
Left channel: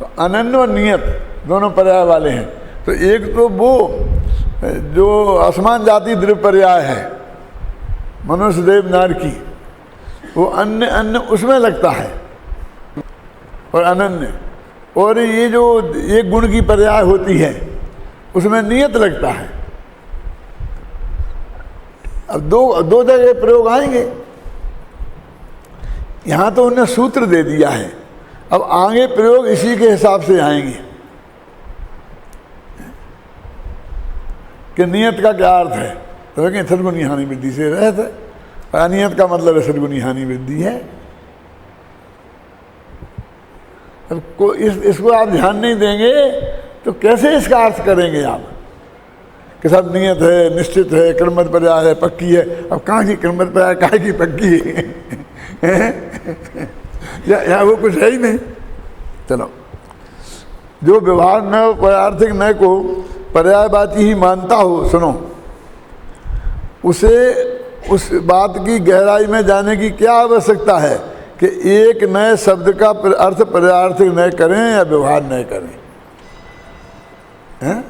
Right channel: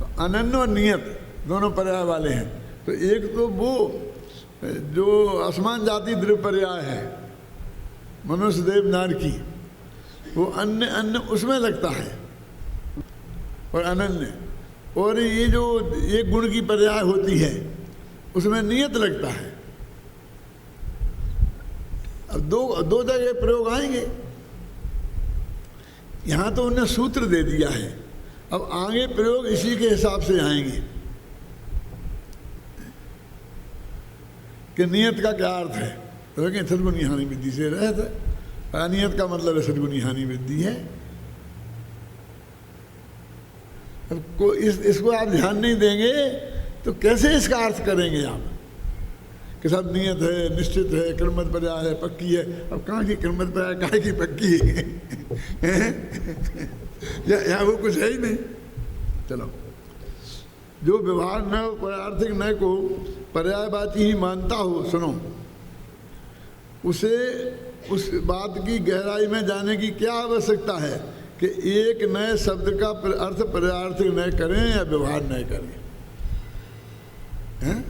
तो अनन्य और नियत दोनों पर्याय वाले हैं। तो एक तो वो जो आसमान जाति द्रव्य पर्याय है, मनुष्य देव नार की, वो अन्य अन्य उसमें लगता है और अनन्य, और ये जो एक गुण की पर्याय होती है उसमें नियत लगता है। अब दो जगह प्रयोग आएंगे, यहां तो उन्होंने सूत्र दे दिया है, अब आगे प्रयोग इसी के हिसाब से आएंगे कि नियत का क्या अर्थ है। तो लेकिन सद्गुणी हानि वृद्धि से रहता है, अनियत का मतलब है सद्गुणी हानि वृद्धि है। अब इसको आप ध्यान नहीं देंगे तो कैसे इसका अर्थ करेंगे आप कि सब नियत है, निश्चित है, क्रमबद्ध पर्याय है, पक्की है। अब कहाँ की क्रमबद्ध पर्याय, कहाँ की पक्की है? या वो कुछ है ही नहीं। चलो, जो व्यवहार न पर्यार्थक न को पर्यायवाची ही मानता हो, सुनो, उसे उस बात की गहराई में जाने की क्या आवश्यकता है कि एक नए शब्द का अर्थ पर्यार्थक न करें या व्यवहार न करें, हैं?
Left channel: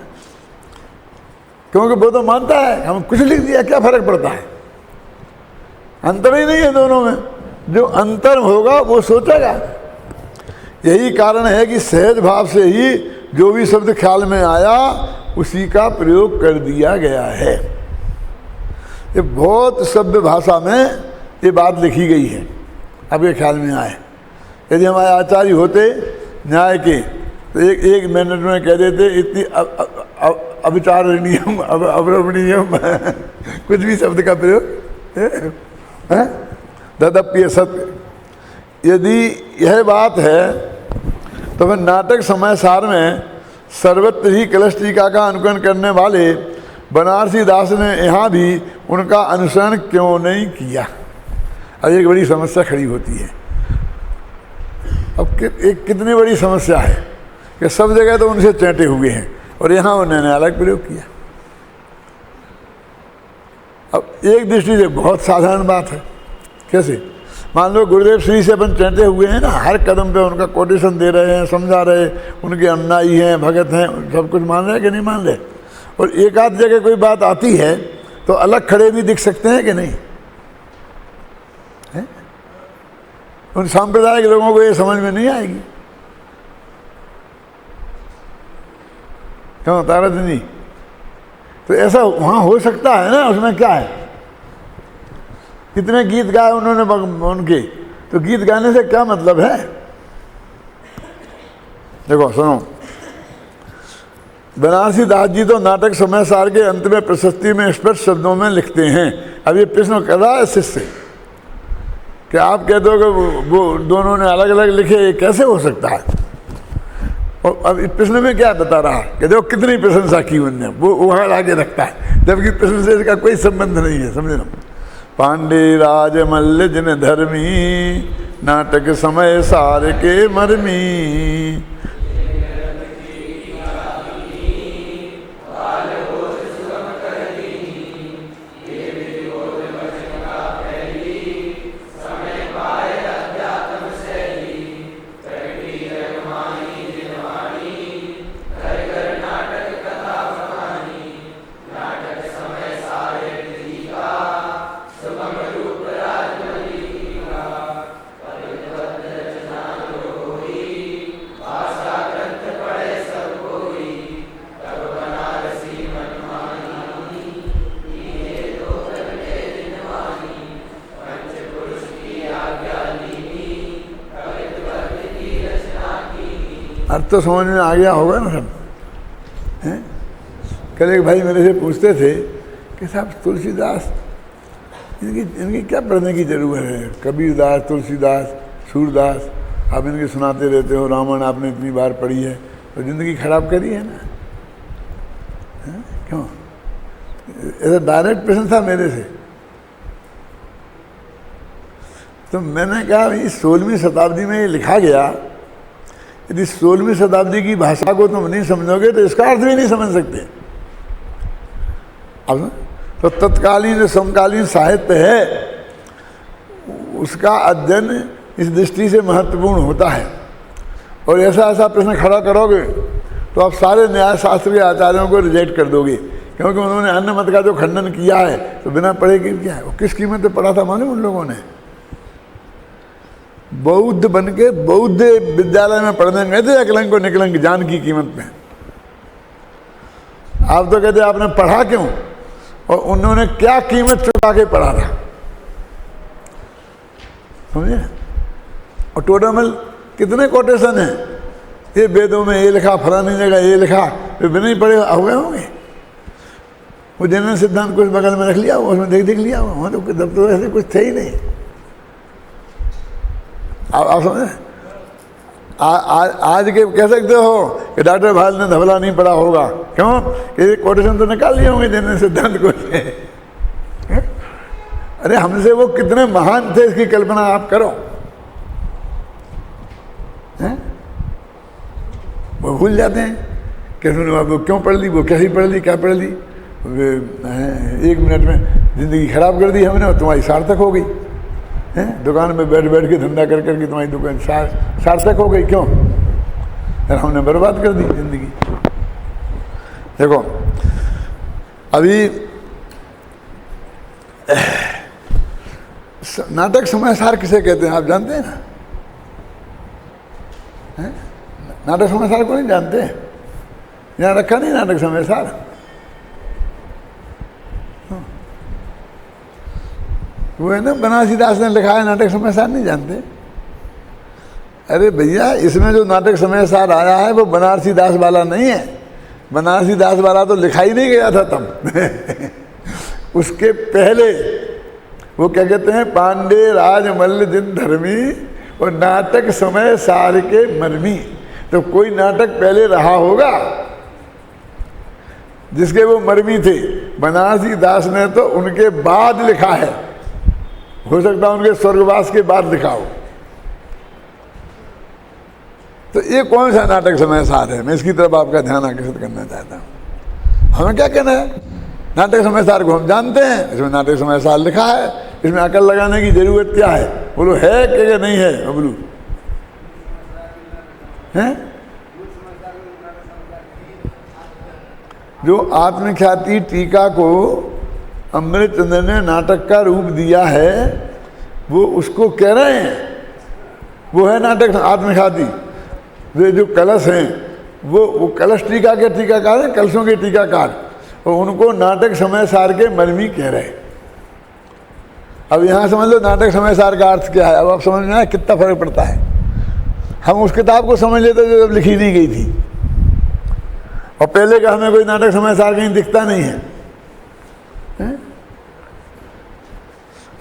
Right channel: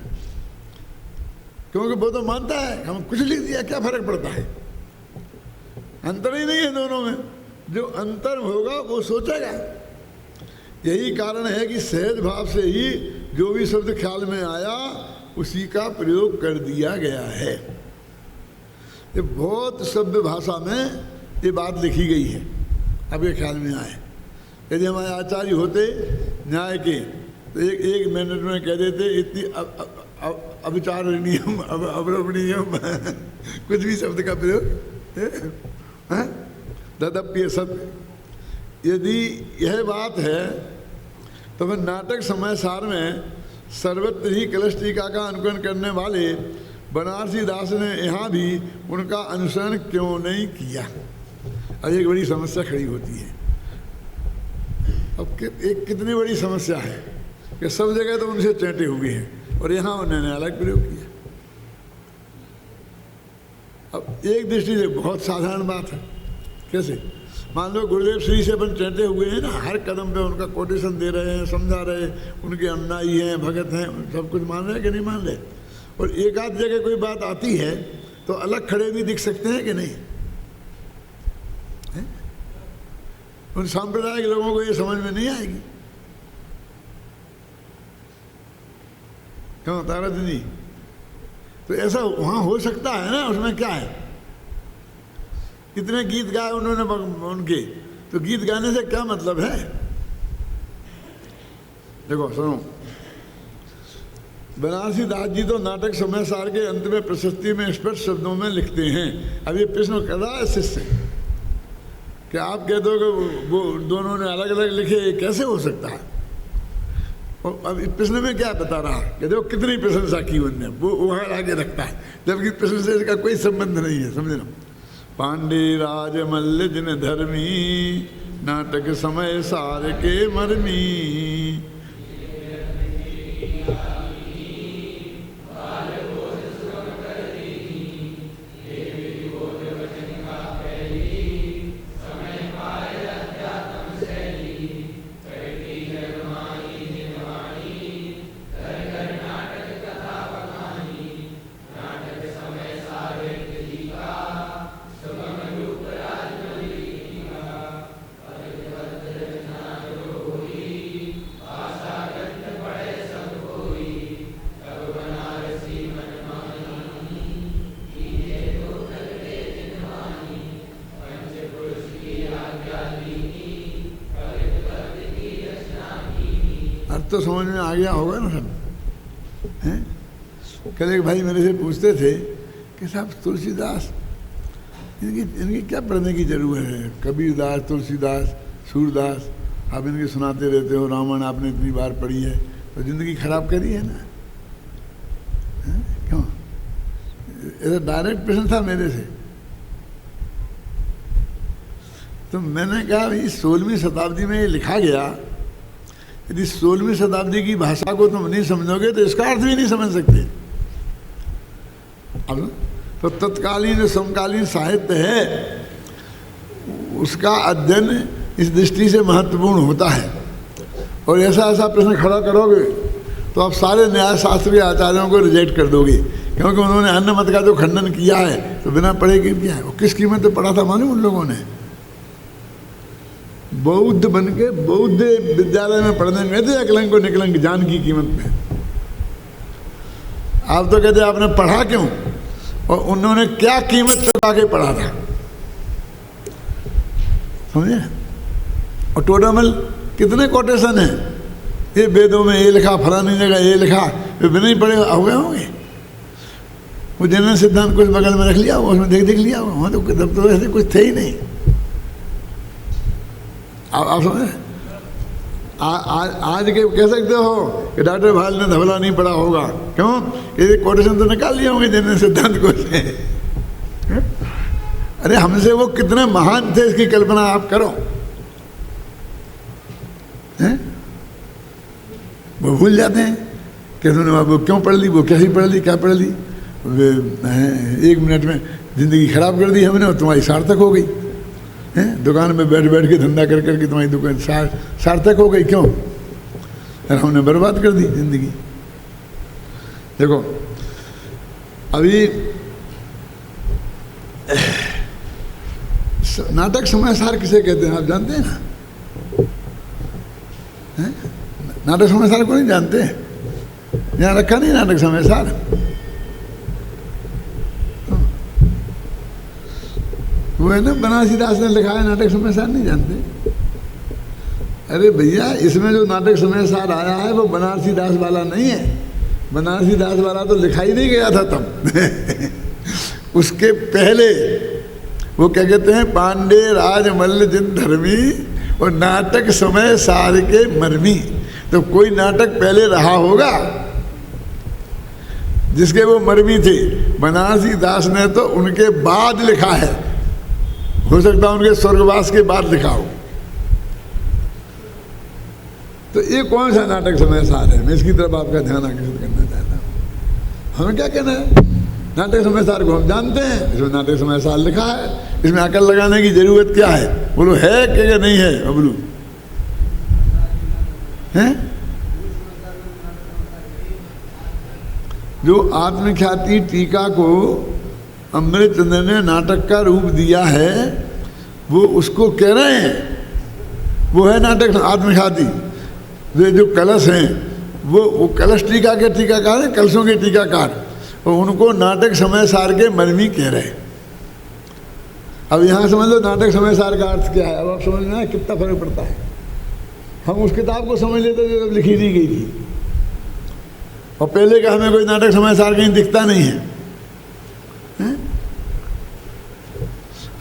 क्योंकि वो तो मानता है, हम कुछ लिख दिया क्या फर्क पड़ता है, अंतर ही नहीं है दोनों में। जो अंतर होगा वो सोचेगा। यही कारण है कि सहज भाव से ही जो भी शब्द ख्याल में आया उसी का प्रयोग कर दिया गया है। ये बहुत सभ्य भाषा में ये बात लिखी गई है, अब ये ख्याल में आए। यदि हमारे आचार्य होते न्याय के तो एक मिनट में कह देते इतनी अविचारणीयम अवरमणीयम कुछ भी शब्द का प्रयोग है, तदप्य सत्य। यदि यह बात है तो फिर नाटक समय सार में सर्वत्र ही कलश टीका का अनुकरण करने वाले बनारसी दास ने यहाँ भी उनका अनुसरण क्यों नहीं किया। अब एक बड़ी समस्या खड़ी होती है। अब एक कितनी बड़ी समस्या है कि सब जगह तो उनसे चैंटे हुए हैं और यहाँ उन्होंने अलग प्रयोग किया। अब एक दृष्टि से बहुत साधारण बात है। कैसे? मान लो गुरुदेव श्री से अपन चैंटे हुए हैं ना, हर कदम पे उनका कोटेशन दे रहे हैं, समझा रहे, उनके अनुयायी हैं, भगत हैं, सब कुछ मान रहे कि नहीं मान रहे। और एक आध जगह कोई बात आती है तो अलग खड़े भी दिख सकते हैं कि नहीं है? उन सांप्रदायिक लोगों को ये समझ में नहीं आएगी। क्यों तारत नहीं? तो ऐसा वहाँ हो सकता है ना, उसमें क्या है? कितने गीत गाए उन्होंने उनके, तो गीत गाने से क्या मतलब है? देखो सुनो, बनारसी दास जी तो नाटक समय सार के अंत में प्रशस्ति में स्पष्ट शब्दों में लिखते हैं। अब ये प्रश्न कर रहा है शिष्य कि आप कहते हो कि वो दोनों ने अलग अलग लिखे, ये कैसे हो सकता है? और अब इस प्रश्न में क्या बता रहा है कि देखो कितनी प्रशंसा की उनने, वो वहां आगे रखता है, जबकि प्रश्न से इसका कोई संबंध नहीं है। समझे ना? पांडे राज मल्ल जिन धर्मी, नाटक समय सार के मर्मी। तो समझ में आ गया होगा ना सब। कल एक भाई मेरे से पूछते थे कि साहब तुलसीदास इनकी क्या पढ़ने की जरूरत है? कबीरदास, तुलसीदास, सूरदास आप इनकी सुनाते रहते हो, रामायण आपने इतनी बार पढ़ी है, तो जिंदगी खराब करी है ना? क्यों? ऐसा डायरेक्ट प्रश्न था मेरे से। तो मैंने कहा इस 16वीं शताब्दी में ये लिखा गया, यदि 16वीं शताब्दी की भाषा को तुम नहीं समझोगे तो इसका अर्थ भी नहीं समझ सकते। अब तो तत्कालीन समकालीन साहित्य है, उसका अध्ययन इस दृष्टि से महत्वपूर्ण होता है। और ऐसा ऐसा प्रश्न खड़ा करोगे तो आप सारे न्याय शास्त्र के आचार्यों को रिजेक्ट कर दोगे, क्योंकि उन्होंने अन्य मत का जो खंडन किया है तो बिना पढ़े क्या, किस कीमत तो पढ़ा था मालूम उन लोगों ने? बौद्ध बन के बौद्ध विद्यालय में पढ़ने गए थे अकलंक को निकलंक जान की कीमत में। आप तो कहते आपने पढ़ा क्यों, और उन्होंने क्या कीमत चुका के पढ़ा था? समझे? और टोटल में कितने कोटेशन है, ये वेदों में ये लिखा, फलानी जगह ये लिखा, ये बिना ही पढ़े हुए होंगे। वो जैन सिद्धांत को बगल में रख लिया, उसमें देख लिया, वहाँ तो कुछ थे ही नहीं। आप समझे? आज के कह सकते हो कि डॉक्टर भाल ने धबला नहीं पढ़ा होगा, क्यों? ये कोटेशन तो निकाल लिए होंगे जैन सिद्धांत को। अरे हमसे वो कितने महान थे इसकी कल्पना आप करो। वो भूल जाते हैं कि वो क्यों पढ़ ली, वो कैसी पढ़ ली, क्या पढ़ ली। 1 मिनट में जिंदगी खराब कर दी हमने और तुम्हारी सार्थक हो गई। दुकान में बैठ बैठ के धंधा कर करके तुम्हारी दुकान सार्थक हो गई, क्यों? हमने बर्बाद कर दी जिंदगी। देखो अभी नाटक समय सार किसे कहते हैं आप जानते हैं? नाटक समय सार को नहीं जानते? यहाँ रखा नहीं नाटक समय सार? वो है ना बनारसी दास ने लिखा है, नाटक समय सार नहीं जानते? अरे भैया इसमें जो नाटक समय सार आया है वो बनारसी दास वाला नहीं है। बनारसी दास वाला तो लिखा ही नहीं गया था तब। उसके पहले वो क्या कहते हैं, पांडे राज मल्ल जिन धर्मी और नाटक समय सार के मर्मी। तो कोई नाटक पहले रहा होगा जिसके वो मर्मी थे। बनारसी दास ने तो उनके बाद लिखा है, हो सकता है उनके स्वर्गवास के बाद लिखा हो। तो ये कौन सा नाटक समय सार है? मैं इसकी तरफ आपका ध्यान आकर्षित करना चाहता हूँ। हमें क्या कहना है? नाटक समय सार को हम जानते हैं, इसमें नाटक समय सार लिखा है, इसमें अकल लगाने की जरूरत क्या है? बोलो है कि नहीं है? बोलो है? जो आत्मख्याति टीका को अमृत ने नाटक का रूप दिया है, वो उसको कह रहे हैं, वो है नाटक आत्मख्याति। वे जो कलश हैं वो कलश टीका के टीकाकार हैं, कलशों के टीकाकार, और उनको नाटक समय सार के मर्मी कह रहे हैं। अब यहाँ समझ लो नाटक समय सार का अर्थ क्या है। अब आप समझ में आए कितना फर्क पड़ता है। हम उस किताब को समझ लेते जो जब लिखी नहीं गई थी। और पहले का हमें कोई नाटक समय सार कहीं दिखता नहीं है।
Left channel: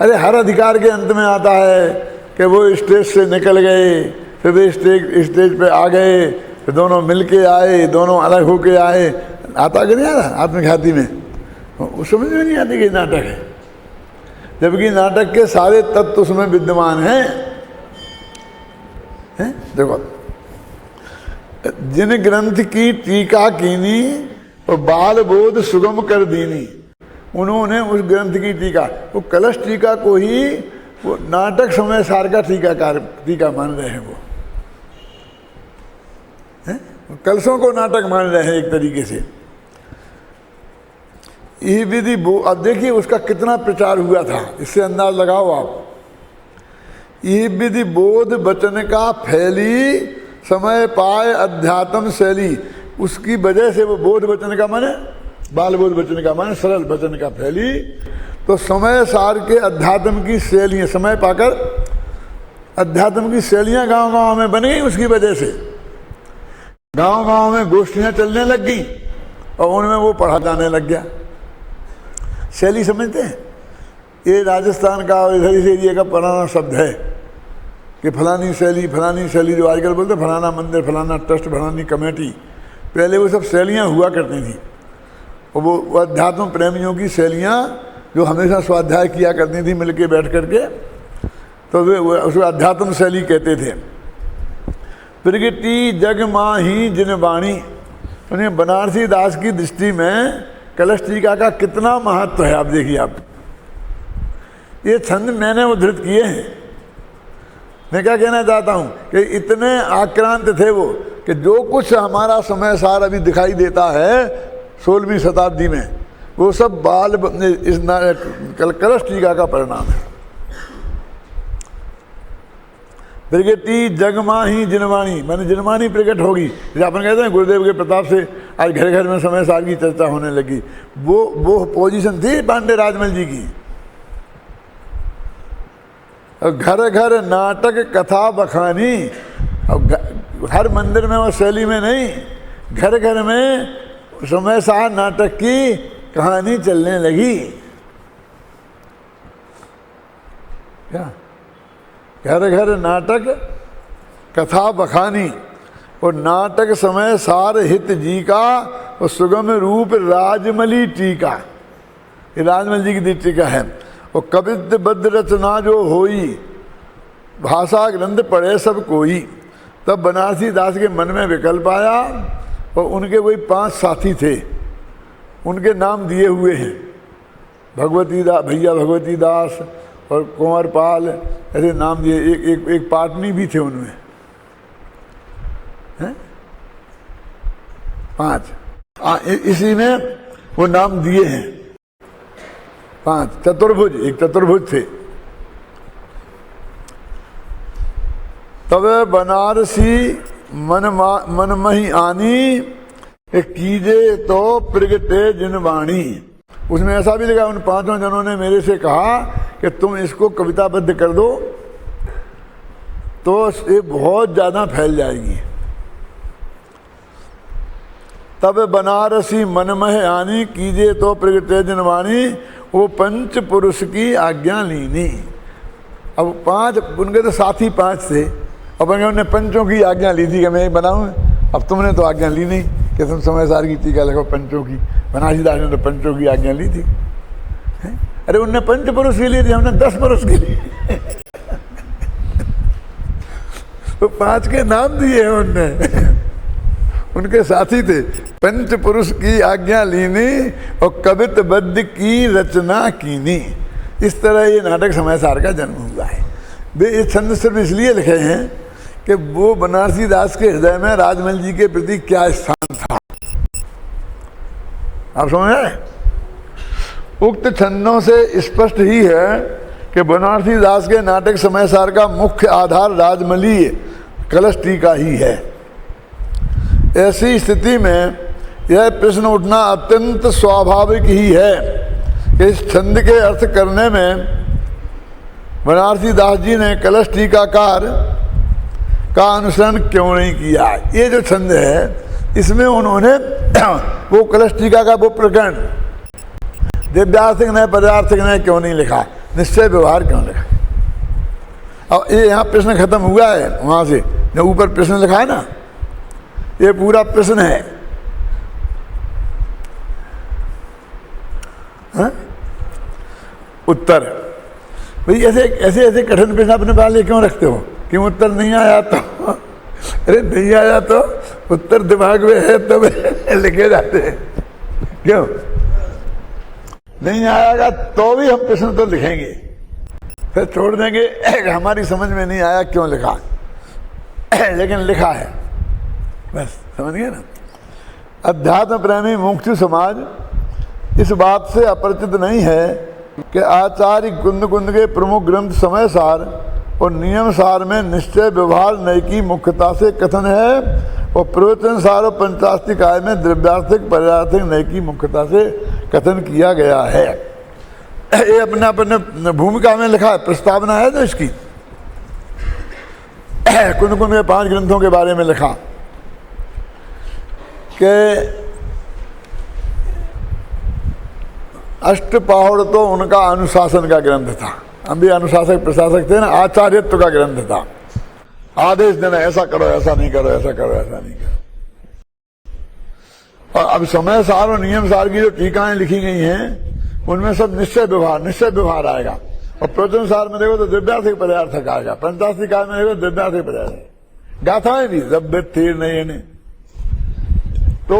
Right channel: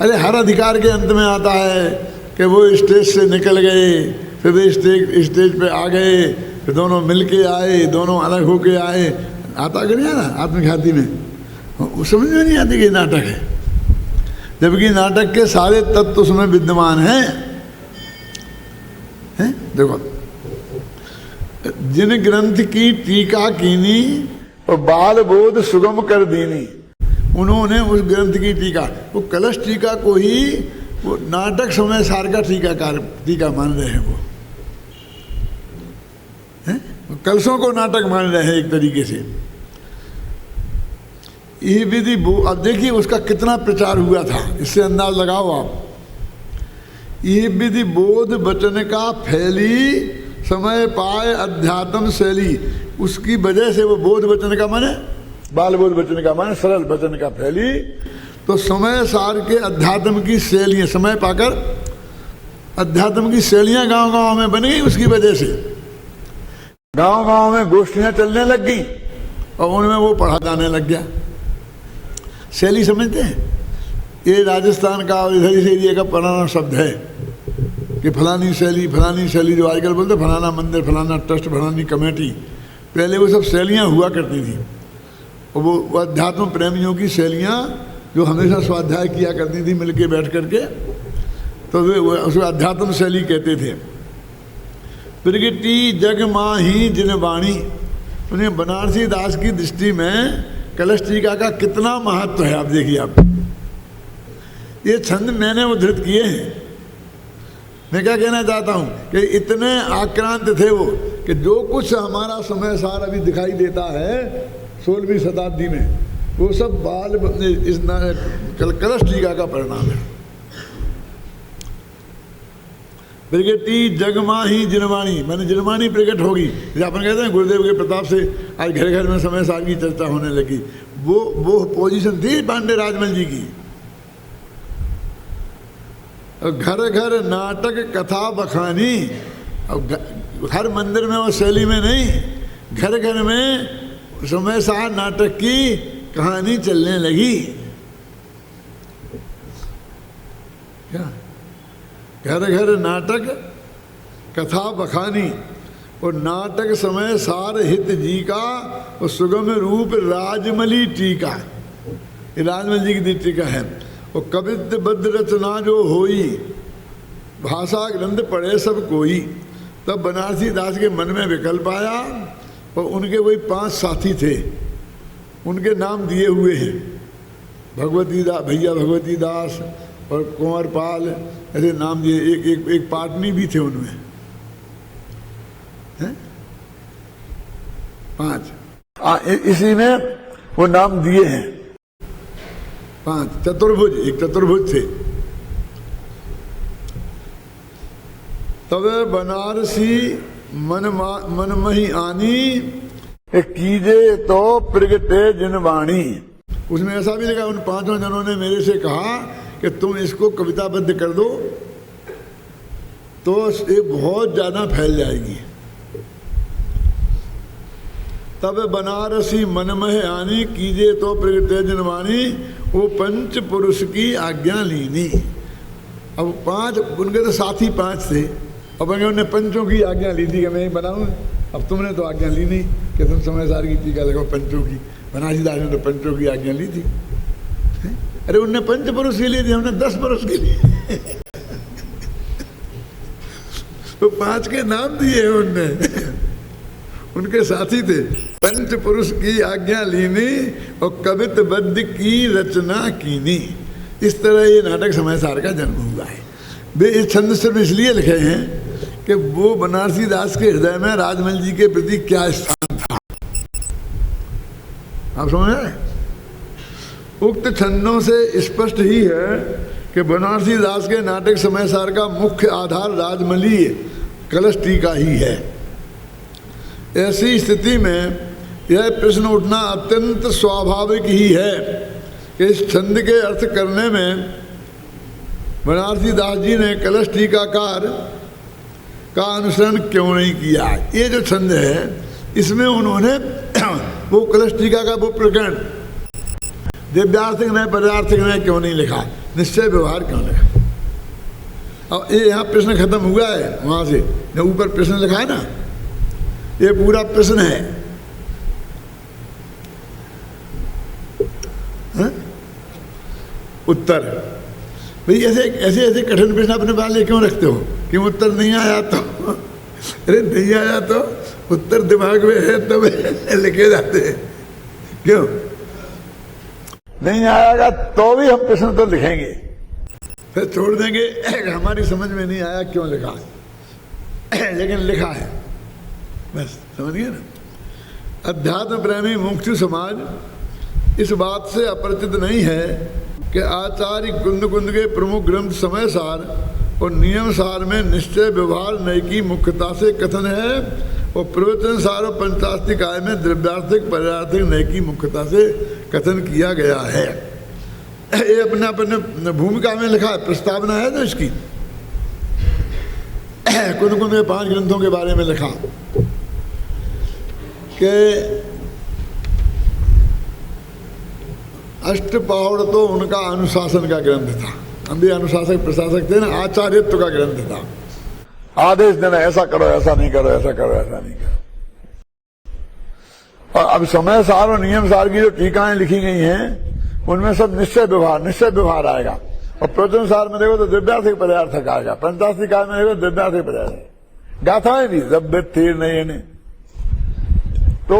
अरे हर अधिकार के अंत में आता है कि वो स्टेज से निकल गए, फिर वे स्टेज पे आ गए, फिर दोनों मिलके आए, दोनों अलग होके आए। आता कि नहीं आता आत्मघाती में? वो समझ में नहीं आती कि नाटक है, जबकि नाटक के सारे तत्व उसमें विद्यमान हैं। देखो, जिन ग्रंथ की टीका कीनी और बाल बोध सुगम कर दीनी, उन्होंने उस ग्रंथ की टीका, वो कलश टीका को ही वो नाटक समय सार का टीका मान रहे हैं। कलशों को नाटक मान रहे हैं एक तरीके से। ये विधि अब देखिए उसका कितना प्रचार हुआ था, इससे अंदाज लगाओ आप। ये विधि बोध वचन का फैली, समय पाए अध्यात्म शैली, उसकी वजह से वो बोध वचन का माने बाल बोध वचन का माने सरल वचन का फैली, तो समय सार के अध्यात्म की शैलियां, समय पाकर अध्यात्म की शैलियां गांव गांव में बनी। उसकी वजह से गांव गांव में गोष्ठियां चलने लग गई और उनमें वो पढ़ा जाने लग गया। शैली समझते हैं? ये राजस्थान का इधर से एरिया का पुराना शब्द है कि फलानी शैली जो आजकल बोलते फलाना मंदिर, फलाना ट्रस्ट, फलानी कमेटी। पहले वो सब शैलियाँ हुआ करती थी, और वो अध्यात्म प्रेमियों की शैलियाँ जो हमेशा स्वाध्याय किया करती थी मिलके बैठ करके, तो वे उसको अध्यात्म शैली कहते थे। प्रगति जग माही जिन वाणी, बनारसी दास की दृष्टि में कलश टीका का कितना महत्व है। आप देखिए, आप ये छंद मैंने उद्धृत किए हैं। मैं क्या कहना चाहता हूँ कि इतने आक्रांत थे वो कि जो कुछ हमारा समय सार अभी दिखाई देता है 16वीं शताब्दी में, वो सब इस कलश टीका का परिणाम है। प्रगति जगमाही जिनवाणी, मैंने जिनवाणी प्रकट होगी, जैसे अपन कहते हैं गुरुदेव के प्रताप से आज घर घर में समय सार की चर्चा होने लगी। वो पोजीशन थी पांडे राजमल जी की। घर घर नाटक कथा बखानी, अब हर मंदिर में और शैली में नहीं, घर घर में समय सार नाटक की कहानी चलने लगी। क्या घर घर नाटक कथा बखानी, और नाटक समय सार हित जी का, और सुगम रूप राजमली टीका, ये राजमल जी की टीका है। और कवित्त बद्ध रचना जो होई, भाषा ग्रंथ पढ़े सब कोई। तब बनारसी दास के मन में विकल्प आया, और उनके वही 5 साथी थे, उनके नाम दिए हुए हैं। भैया भगवती दास और कुंवर पाल, ऐसे नाम दिए। एक पाटनी भी थे उनमें, हैं? 5 इसी में वो नाम दिए हैं। 5 चतुर्भुज, एक चतुर्भुज थे। तब बनारसी मन मही आनी, कीजे तो प्रगटे जिनवाणी। उसमें ऐसा भी लिखा, उन 5 जनों ने मेरे से कहा कि तुम इसको कविताबद्ध कर दो तो ये बहुत ज्यादा फैल जाएगी। तब बनारसी मनमह आनी, कीजे तो प्रगटे जिनवाणी, वो 5 पुरुष की आज्ञा लीनी। अब 5 उनके तो साथी 5 थे, अब उन्होंने पंचों की आज्ञा ली थी कि मैं बनाऊं। अब तुमने तो आज्ञा ली नहीं कि तुम समय सार की टीका लगाओ पंचों की। बनारसी दास ने तो पंचों की आज्ञा ली थी। अरे उनने 5 पुरुष के लिए थी, हमने 10 पुरुष के लिए तो 5 के नाम दिए हैं उनने। उनके साथी थे। 5 पुरुष की आज्ञा लीनी और कवित बद्ध की रचना कीनी। इस तरह ये नाटक समय सार का जन्म हुआ है। ये छंद सिर्फ इसलिए लिखे हैं कि वो बनारसी दास के हृदय में राजमल जी के प्रति क्या स्थान था। आप समझ रहे हैं? उक्त छंदों से स्पष्ट ही है कि बनारसी दास के नाटक समय सार का मुख्य आधार राजमली कलश टीका ही है। ऐसी स्थिति में यह प्रश्न उठना अत्यंत स्वाभाविक ही है कि इस छंद के अर्थ करने में बनारसी दास जी ने कलश टीकाकार का अनुसरण क्यों नहीं किया। ये जो छंद है इसमें उन्होंने वो कलश टीका का वो प्रकरण दिव्यार्थिक न्याय पर्यार्थिक न्याय क्यों नहीं लिखा, निश्चय व्यवहार क्यों लिखा। अब ये यहाँ प्रश्न खत्म हुआ है, वहां से जो ऊपर प्रश्न लिखा है ना, ये पूरा प्रश्न है। हा? उत्तर भाई ऐसे ऐसे ऐसे कठिन प्रश्न अपने वाले क्यों रखते हो कि उत्तर नहीं आया तो अरे नहीं आया तो उत्तर दिमाग में है तब लिखे जाते हैं। क्यों नहीं आएगा तो भी हम प्रश्न तो लिखेंगे, फिर छोड़ देंगे हमारी समझ में नहीं आया क्यों लिखा, लेकिन लिखा है बस, समझिए ना। अध्यात्म प्रेमी मुमुक्षु समाज इस बात से अपरिचित नहीं है कि आचार्य कुंद कुंद के प्रमुख ग्रंथ समय सार और नियम सार में निश्चय व्यवहार नय की मुख्यता से कथन है और प्रवचन सार और पंचास्तिकाय में द्रव्यार्थिक पर्यार्थिक नय की मुख्यता से कथन किया गया है। ये अपने अपने भूमिका में लिखा है, प्रस्तावना है ना इसकी, कुंद कुंद के 5 ग्रंथों के बारे में लिखा कि अष्टपौढ़ तो उनका अनुशासन का ग्रंथ था, हम भी अनुशासक प्रशासक थे ना, आचार्यत्व का ग्रंथ था, आदेश देना ऐसा करो ऐसा नहीं करो, ऐसा करो ऐसा नहीं करो। और अब समय सार और नियम सार की जो टीकाएं लिखी गई हैं उनमें सब निश्चय व्यवहार आएगा। और प्रवचन सार में देखो तो दिव्यार्थिक पर्यार्थक आएगा, पंचास्तिकाय में देखो दिव्यार्थिक पर्यार्थक, गाथाएं भी जब थीर नहीं है। तो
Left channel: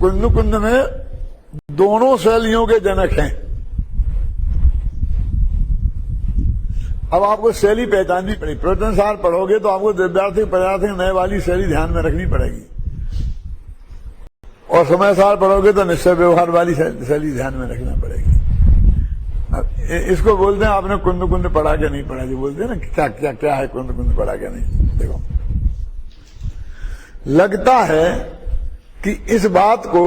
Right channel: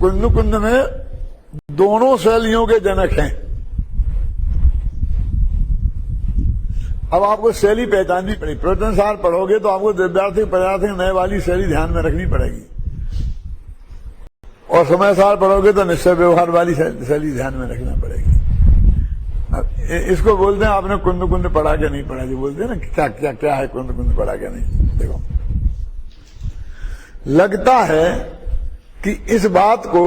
कुंद कुंद में दोनों शैलियों के जनक हैं। अब आपको शैली पहचाननी पड़ेगी, प्रवचन सार पढ़ोगे तो आपको दिव्यार्थिक पर्यार्थिक नए वाली शैली ध्यान में रखनी पड़ेगी, और समय सार पढ़ोगे तो निश्चय व्यवहार वाली शैली ध्यान में रखना पड़ेगी। इसको बोलते हैं आपने कुंद कुंद पढ़ा के नहीं पढ़ा, जो बोलते हैं ना क्या क्या क्या है कुंद कुंद पढ़ा के नहीं। देखो लगता है कि इस बात को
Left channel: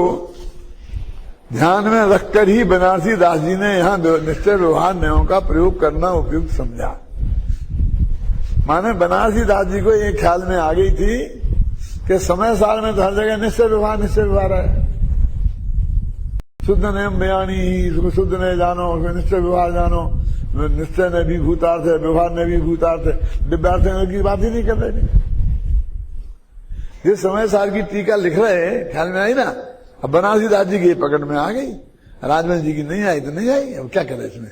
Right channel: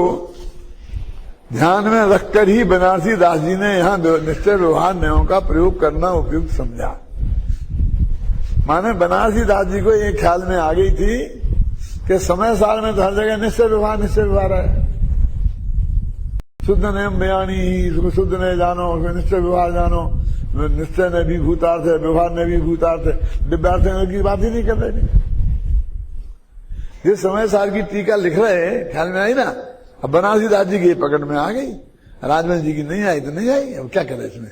ध्यान में रखकर ही बनारसी दास जी ने यहाँ निश्चय व्यवहार न्यायों का प्रयोग करना उपयुक्त समझा। माने बनारसी दास जी को ये ख्याल में आ गई थी कि समय सार में तो हर जगह निश्चय व्यवहार है, शुद्ध नियम बयानी ही, इसको शुद्ध ने जानो, उसमें निश्चय व्यवहार जानो, निश्चय ने भी भूतार्थ है, व्यवहार ने भी भूतार्थ है, दिव्यार्थ की बात ही नहीं कर रहे। ये समय सार की टीका लिख रहे हैं, ख्याल में आई ना। अब बनारसी दास जी की पकड़ में आ गई, राजमल जी की नहीं आई तो नहीं आई, अब क्या करें इसमें।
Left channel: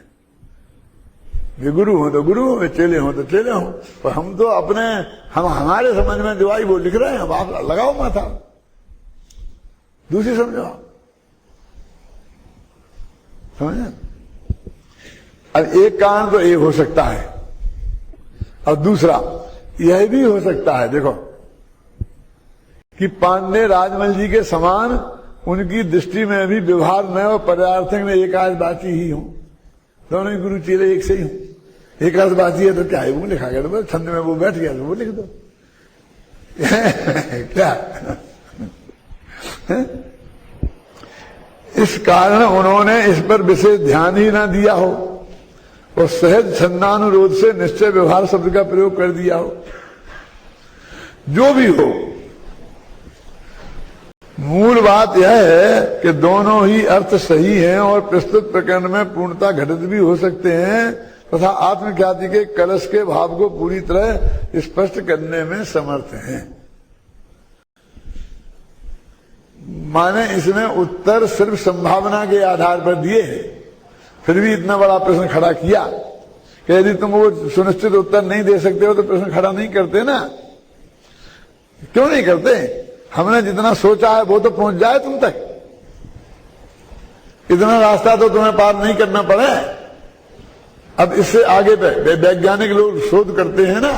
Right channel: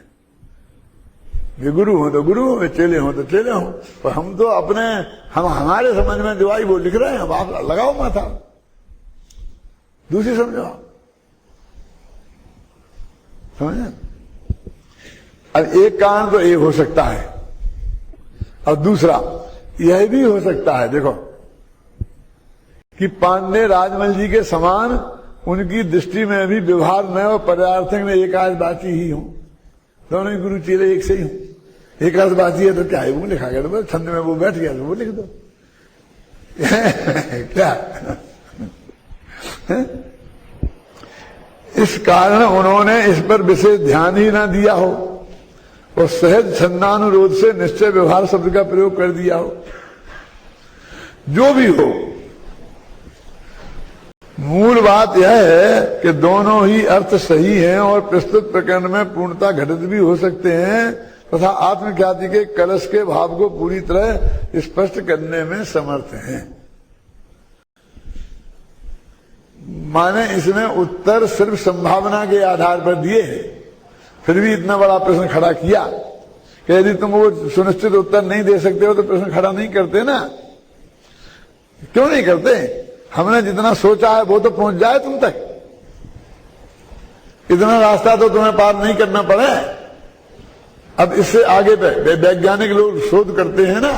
ये गुरु हो तो गुरु हो, चेले हो तो चेले हो, पर हम तो अपने हमारे समझ में जो आई वो लिख रहे हैं। अब आप लगाओ माथा, दूसरी समझो, समझे। अब एक कारण तो ये हो सकता है, और दूसरा यह भी हो सकता है, देखो कि पांडे राजमल जी के समान उनकी दृष्टि में भी व्यवहार में और पर्यार्थक में एकादबाची ही हो, दोनों ही गुरु चेले एक से ही हो। एकादबाची है तो क्या है, वो लिखा गया तो छंद में वो बैठ गया तो वो लिख दो क्या इस कारण उन्होंने इस पर विशेष ध्यान ही ना दिया हो और सहज छंदानुरोध से निश्चय व्यवहार शब्द का प्रयोग कर दिया हो। जो भी हो, मूल बात यह है कि दोनों ही अर्थ सही हैं और प्रस्तुत प्रकरण में पूर्णता घटित भी हो सकते हैं तथा आत्मख्याति के कलश के भाव को पूरी तरह स्पष्ट करने में समर्थ हैं। माने इसमें उत्तर सिर्फ संभावना के आधार पर दिए हैं, फिर भी इतना बड़ा प्रश्न खड़ा किया कि यदि तुम वो सुनिश्चित उत्तर नहीं दे सकते हो तो प्रश्न खड़ा नहीं करते ना। क्यों नहीं करते? हमने जितना सोचा है वो तो पहुंच जाए तुम तक, इतना रास्ता तो तुम्हें पार नहीं करना पड़े। अब इससे आगे वैज्ञानिक लोग शोध करते हैं ना,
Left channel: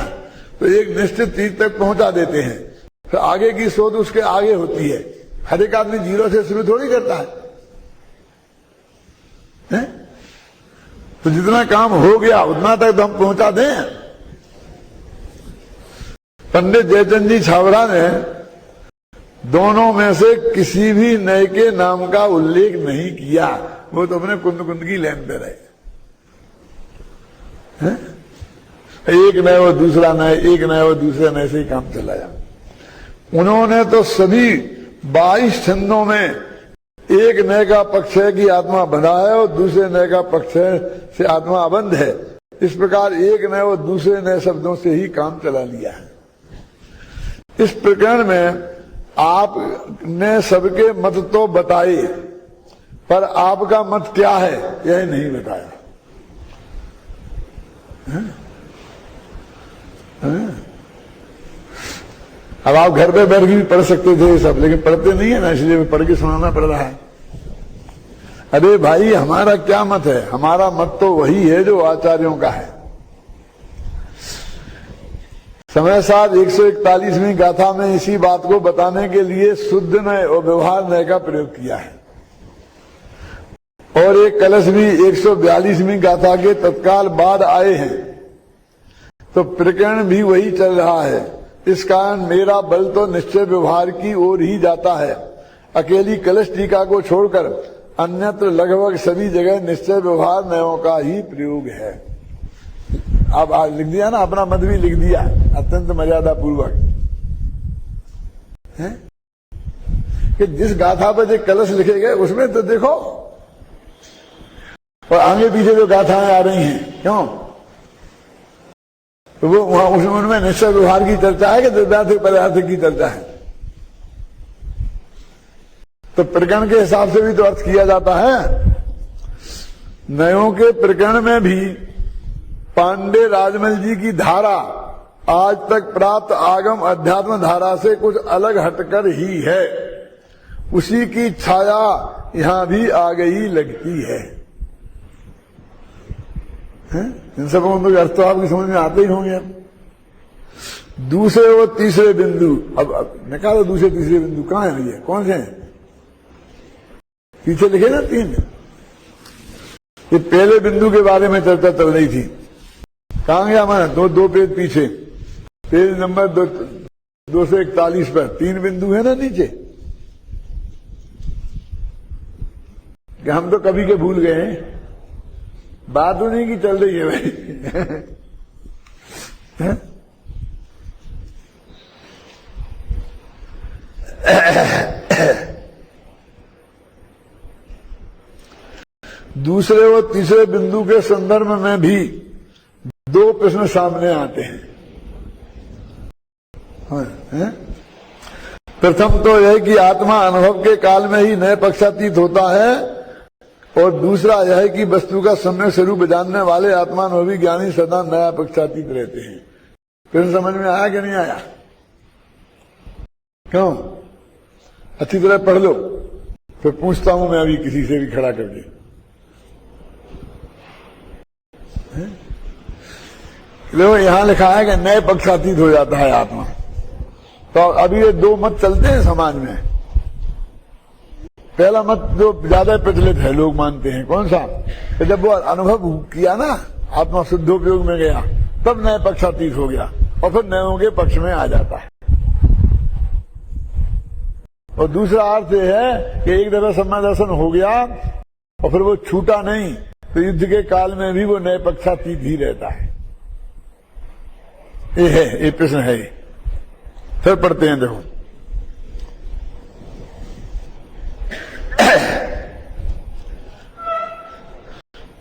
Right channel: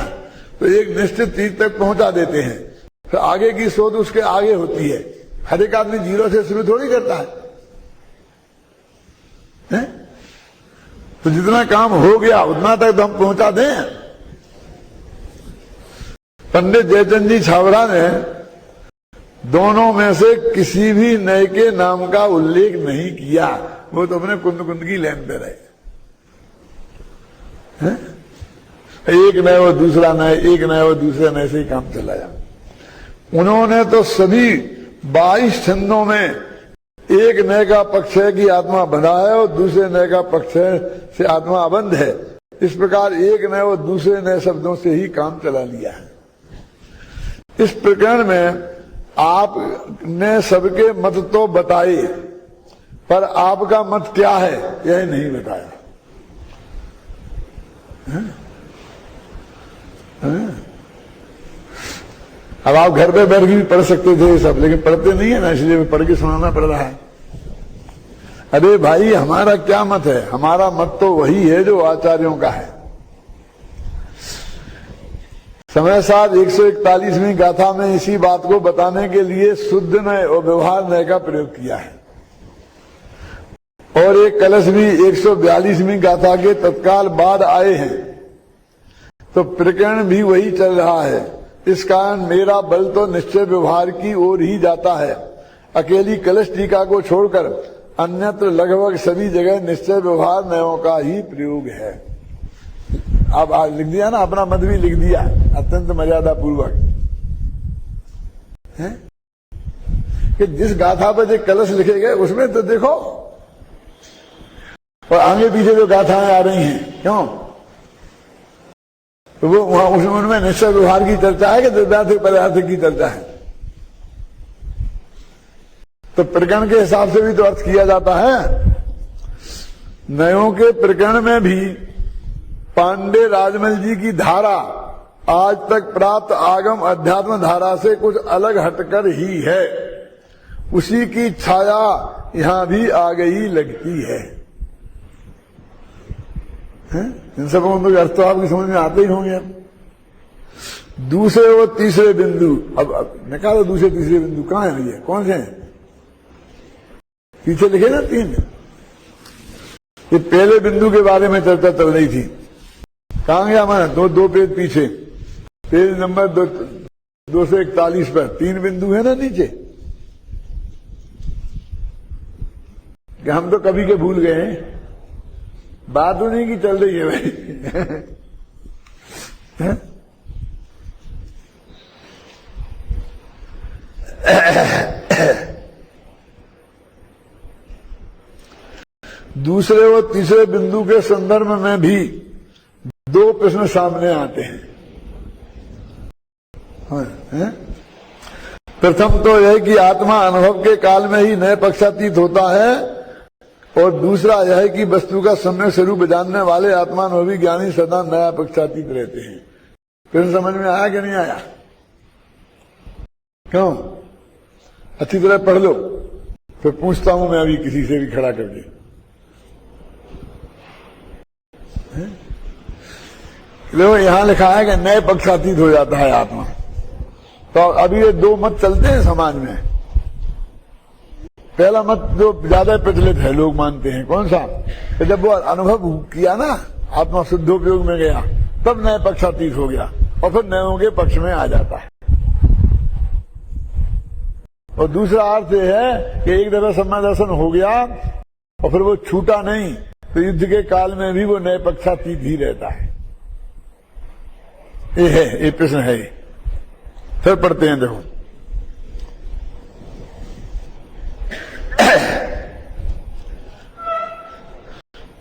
तो एक निश्चित चीज तक पहुंचा देते हैं, फिर आगे की शोध उसके आगे होती है। हर एक आदमी 0 से शुरू थोड़ी करता है? तो जितना काम हो गया उतना तक तो हम पहुंचा दें। पंडित जयचंद जी छावरा ने दोनों में से किसी भी नए के नाम का उल्लेख नहीं किया, वो तो अपने कुंद कुंद की लाइन पे रहे। एक नए वो दूसरा नए, एक नए वो दूसरे नए से ही काम चला जा। उन्होंने तो सभी 22 छंदों में एक नए का पक्ष है कि आत्मा बंधा है और दूसरे नए का पक्ष है से आत्मा अबंध है। इस प्रकार एक नए और दूसरे नए शब्दों से ही काम चला लिया है। इस प्रकरण में आपने सबके मत तो बताए, पर आपका मत क्या है यह नहीं बताया। अब आप घर पे बैठ के भी पढ़ सकते थे सब, लेकिन पढ़ते नहीं है ना, इसलिए पढ़ के सुनाना पड़ रहा है। अरे भाई, हमारा क्या मत है? हमारा मत तो वही है जो आचार्यों का है। समय साथ 141वीं गाथा में इसी बात को बताने के लिए शुद्ध नय और व्यवहार नय का प्रयोग किया है। और एक कलश भी 142वीं गाथा के तत्काल बाद आए हैं, तो प्रकरण भी वही चल रहा है। इस कारण मेरा बल तो निश्चय व्यवहार की ओर ही जाता है। अकेली कलश टीका को छोड़कर अन्यत्र लगभग सभी जगह निश्चय व्यवहार नयों का ही प्रयोग है। अब लिख दिया ना, अपना मत भी लिख दिया अत्यंत मर्यादा पूर्वक है कि जिस गाथा पर जो कलश लिखे गए उसमें तो देखो, और आगे पीछे जो गाथाएं आ रही हैं, क्यों तो वो वहां उनमें निश्चय व्यवहार की चर्चा है कि द्रव्यार्थ पदार्थ की चर्चा है। तो प्रकरण के हिसाब से भी तो अर्थ किया जाता है। नयों के प्रकरण में भी पांडे राजमल जी की धारा आज तक प्राप्त आगम अध्यात्म धारा से कुछ अलग हटकर ही है। उसी की छाया यहां भी आ गई लगती है। इन सब अर्थ तो आपकी समझ में आते ही होंगे। दूसरे और तीसरे बिंदु, अब निकालो दूसरे तीसरे बिंदु कहां है भैया? कौन से हैं? पीछे लिखे ना 3। ये पहले बिंदु के बारे में चर्चा चल रही थी। कहां गया हमारा? दो पेज पीछे, पेज नंबर 241 पर 3 बिंदु है ना नीचे। कि हम तो कभी के भूल गए हैं, बात उन्हीं की चल रही है भाई। दूसरे और तीसरे बिंदु के संदर्भ में भी 2 प्रश्न सामने आते हैं। प्रथम तो यह कि आत्मा अनुभव के काल में ही नए पक्षातीत होता है, और दूसरा यह है कि वस्तु का सम्यक स्वरूप जानने वाले आत्मानुभवी ज्ञानी सदा नया पक्षातीत रहते हैं। फिर समझ में आया कि नहीं आया? क्यों? अच्छी तरह पढ़ लो, फिर पूछता हूं मैं अभी किसी से भी खड़ा करके। देखो यहां लिखा है कि नए पक्षातीत हो जाता है आत्मा। तो अभी ये 2 मत चलते हैं समाज में। पहला मत जो ज्यादा प्रचलित है, लोग मानते हैं, कौन सा? कि जब वो अनुभव किया ना, आत्मा शुद्धोपयोग में गया, तब नए पक्षातीत हो गया और फिर नयों के पक्ष में आ जाता है। और दूसरा अर्थ यह है कि एक दफा सम्यक दर्शन हो गया और फिर वो छूटा नहीं, तो युद्ध के काल में भी वो नए पक्षातीत ही रहता है। ये है, ये प्रश्न है। फिर पढ़ते हैं, देखो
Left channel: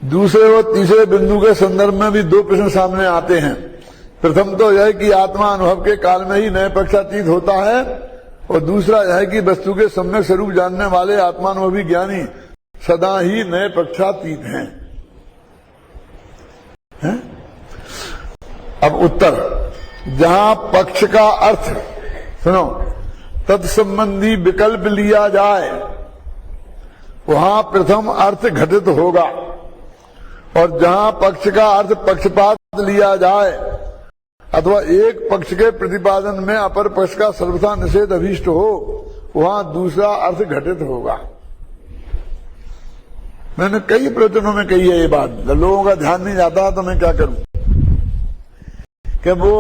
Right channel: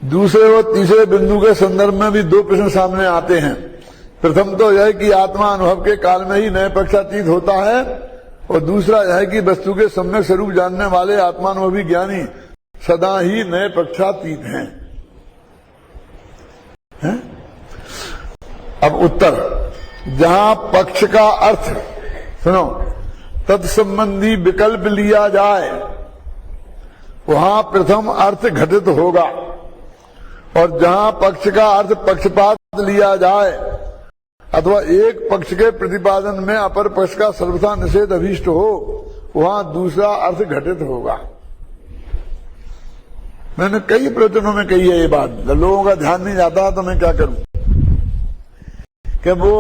दूसरे और तीसरे बिंदु के संदर्भ में भी 2 प्रश्न सामने आते हैं। प्रथम तो यह कि आत्मा अनुभव के काल में ही नए पक्षातीत होता है, और दूसरा यह है कि वस्तु के सम्यक स्वरूप जानने वाले आत्मानुभवी ज्ञानी सदा ही नए पक्षातीत हैं। अब उत्तर, जहां पक्ष का अर्थ सुनो तत्संबंधी विकल्प लिया जाए, वहां प्रथम अर्थ घटित होगा, और जहां पक्ष का अर्थ पक्षपात लिया जाए अथवा एक पक्ष के प्रतिपादन में अपर पक्ष का सर्वथा निषेध अभीष्ट हो, वहां दूसरा अर्थ घटित होगा। मैंने कई प्रवचनों में कही है ये बात, लोगों का ध्यान नहीं जाता तो मैं क्या करूं कि वो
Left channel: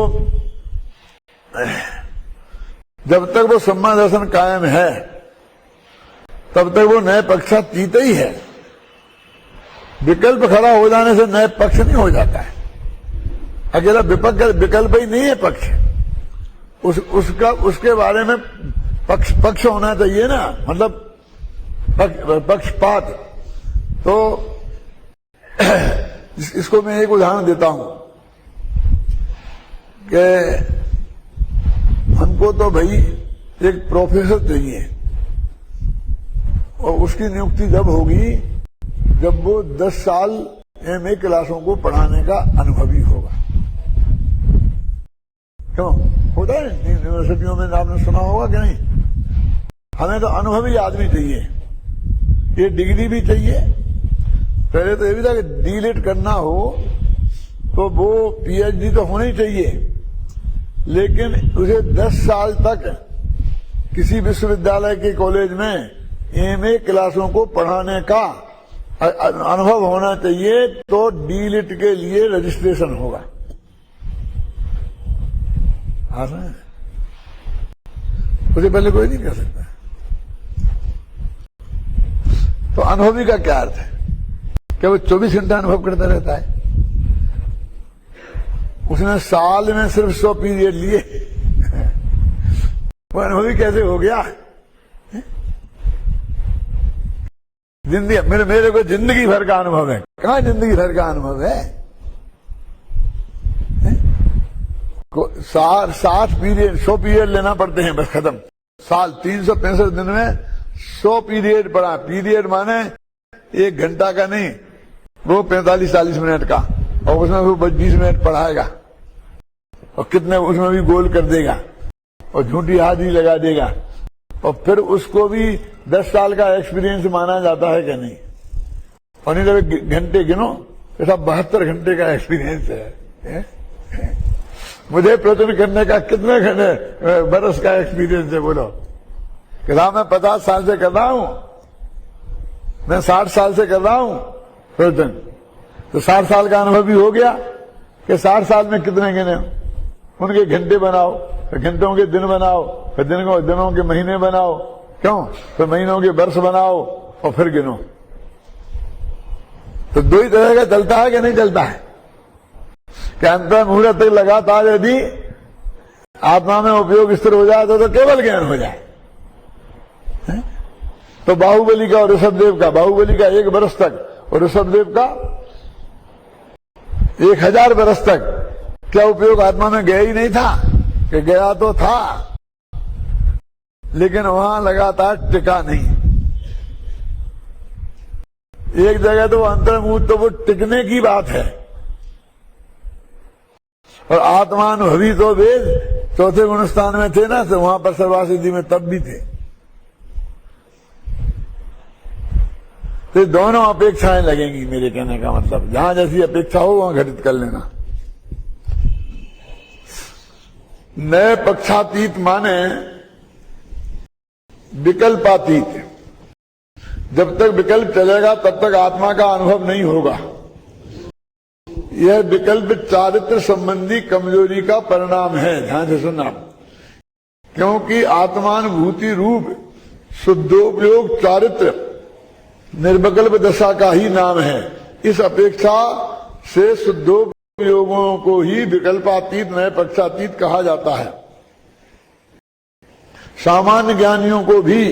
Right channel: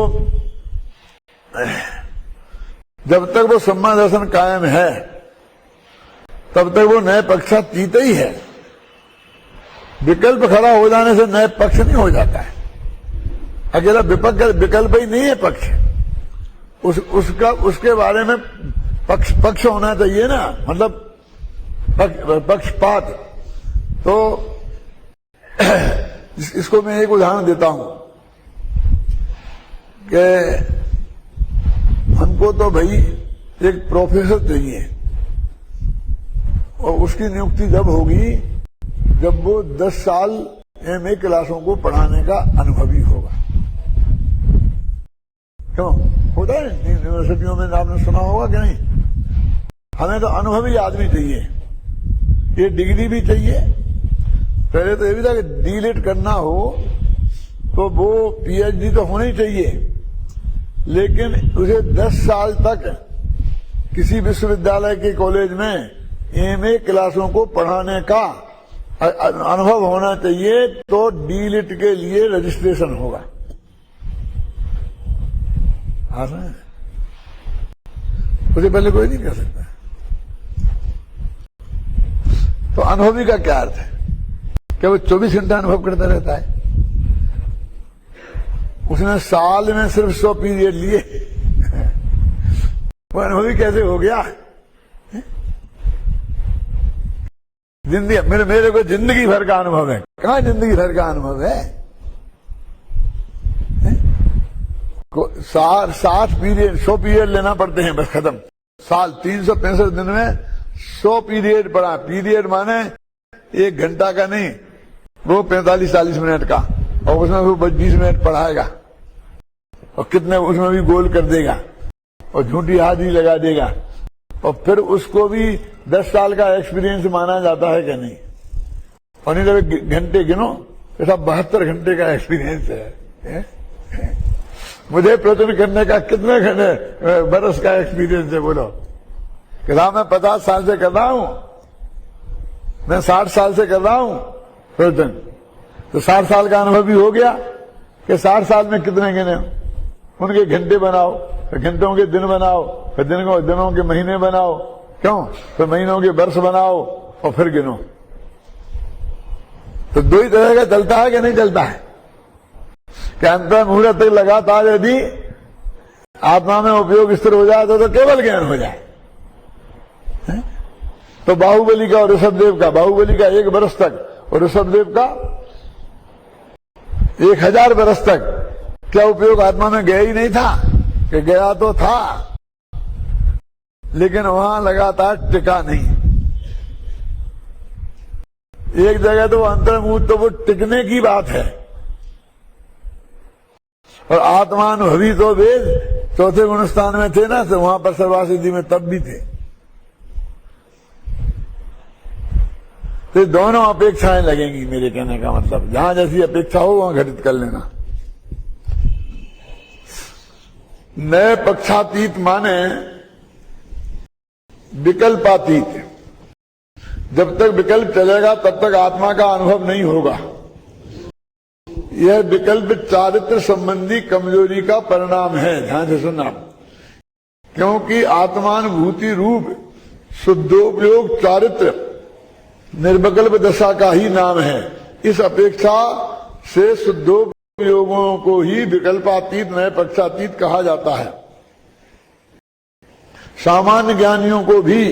जब तक वो सम्यक दर्शन कायम है तब तक वो नए पक्षातीत ही है। विकल्प खड़ा हो जाने से नए पक्ष नहीं हो जाता है। अकेला विकल्प ही नहीं है पक्ष, उसके बारे में पक्ष होना चाहिए ना, मतलब पक्षपात। तो इसको मैं एक उदाहरण देता हूं कि हमको तो भाई एक प्रोफेसर चाहिए, और उसकी नियुक्ति जब होगी जब वो 10 साल एमए क्लासों को पढ़ाने का अनुभवी होगा। क्यों होता है यूनिवर्सिटियों में, आपने सुना होगा कि नहीं? हमें तो अनुभवी आदमी चाहिए, ये डिग्री भी चाहिए। पहले तो ये भी था कि डीलिट करना हो तो वो पीएचडी तो होनी चाहिए, लेकिन उसे 10 साल तक किसी विश्वविद्यालय के कॉलेज में एमए क्लासों को पढ़ाने का अनुभव होना चाहिए, तो डीलिट के लिए रजिस्ट्रेशन होगा। उसे पहले कोई नहीं कर सकता। तो अनुभवी का क्या अर्थ है? क्या वो 24 घंटा अनुभव करता रहता है? उसने साल में सिर्फ 100 पीरियड लिए, वो अनुभवी कैसे हो गया? जिंदगी मेरे को जिंदगी भर का अनुभव है। कहां जिंदगी भर का अनुभव है? 60 पीरियड 100 पीरियड लेना पड़ते हैं, बस खत्म। साल 365 दिन में 100 पीरियड पढ़ा। पीरियड माने 1 घंटा का नहीं, वो 45-40 मिनट का, और उसमें वो 20 मिनट पढ़ाएगा, और कितने उसमें भी गोल कर देगा, और झूठी हाथ ही लगा देगा, और फिर उसको भी 10 साल का एक्सपीरियंस माना जाता है कि नहीं? और नहीं तो घंटे गिनो, ऐसा 72 घंटे का एक्सपीरियंस है। मुझे प्रचुर करने का कितने घंटे बरस का एक्सपीरियंस है? बोलो कि मैं 50 साल से कर रहा हूं, मैं 60 साल से कर रहा हूं प्रवचन, तो 60 साल का अनुभव भी हो गया कि 60 साल में कितने गिने? उनके घंटे बनाओ, फिर घंटों के दिन बनाओ, फिर दिनों के महीने बनाओ, क्यों? फिर महीनों के वर्ष बनाओ, और फिर गिनो। तो 2 ही तरह का चलता है कि नहीं चलता है? कि अंतर मुहूर्त तक लगातार यदि आत्मा में उपयोग स्थिर हो जाए तो केवल ज्ञान हो जाए। तो बाहुबली का और ऋषभदेव का, बाहुबली का 1 वर्ष तक और ऋषभदेव का 1000 वर्ष तक क्या उपयोग आत्मा में गया ही नहीं था? कि गया तो था, लेकिन वहां लगातार टिका नहीं। एक जगह तो अंतर्मुहूर्त तो वो टिकने की बात है, और आत्मानुभवी तो वे 4थे गुणस्थान में थे ना, तो वहां पर सर्वासिद्धि में तब भी थे। तो दोनों अपेक्षाएं लगेंगी, मेरे कहने का मतलब जहां जैसी अपेक्षा हो वहां घटित कर लेना। नए पक्षातीत माने विकल्पातीत। जब तक विकल्प चलेगा तब तक आत्मा का अनुभव नहीं होगा। यह विकल्प चारित्र संबंधी कमजोरी का परिणाम है। ध्यान से सुनना, क्योंकि आत्मानुभूति रूप शुद्धोपयोग चारित्र निर्विकल्प दशा का ही नाम है। इस अपेक्षा से शुद्धोपयोगों को ही विकल्पातीत नए पक्षातीत कहा जाता है। सामान्य ज्ञानियों को भी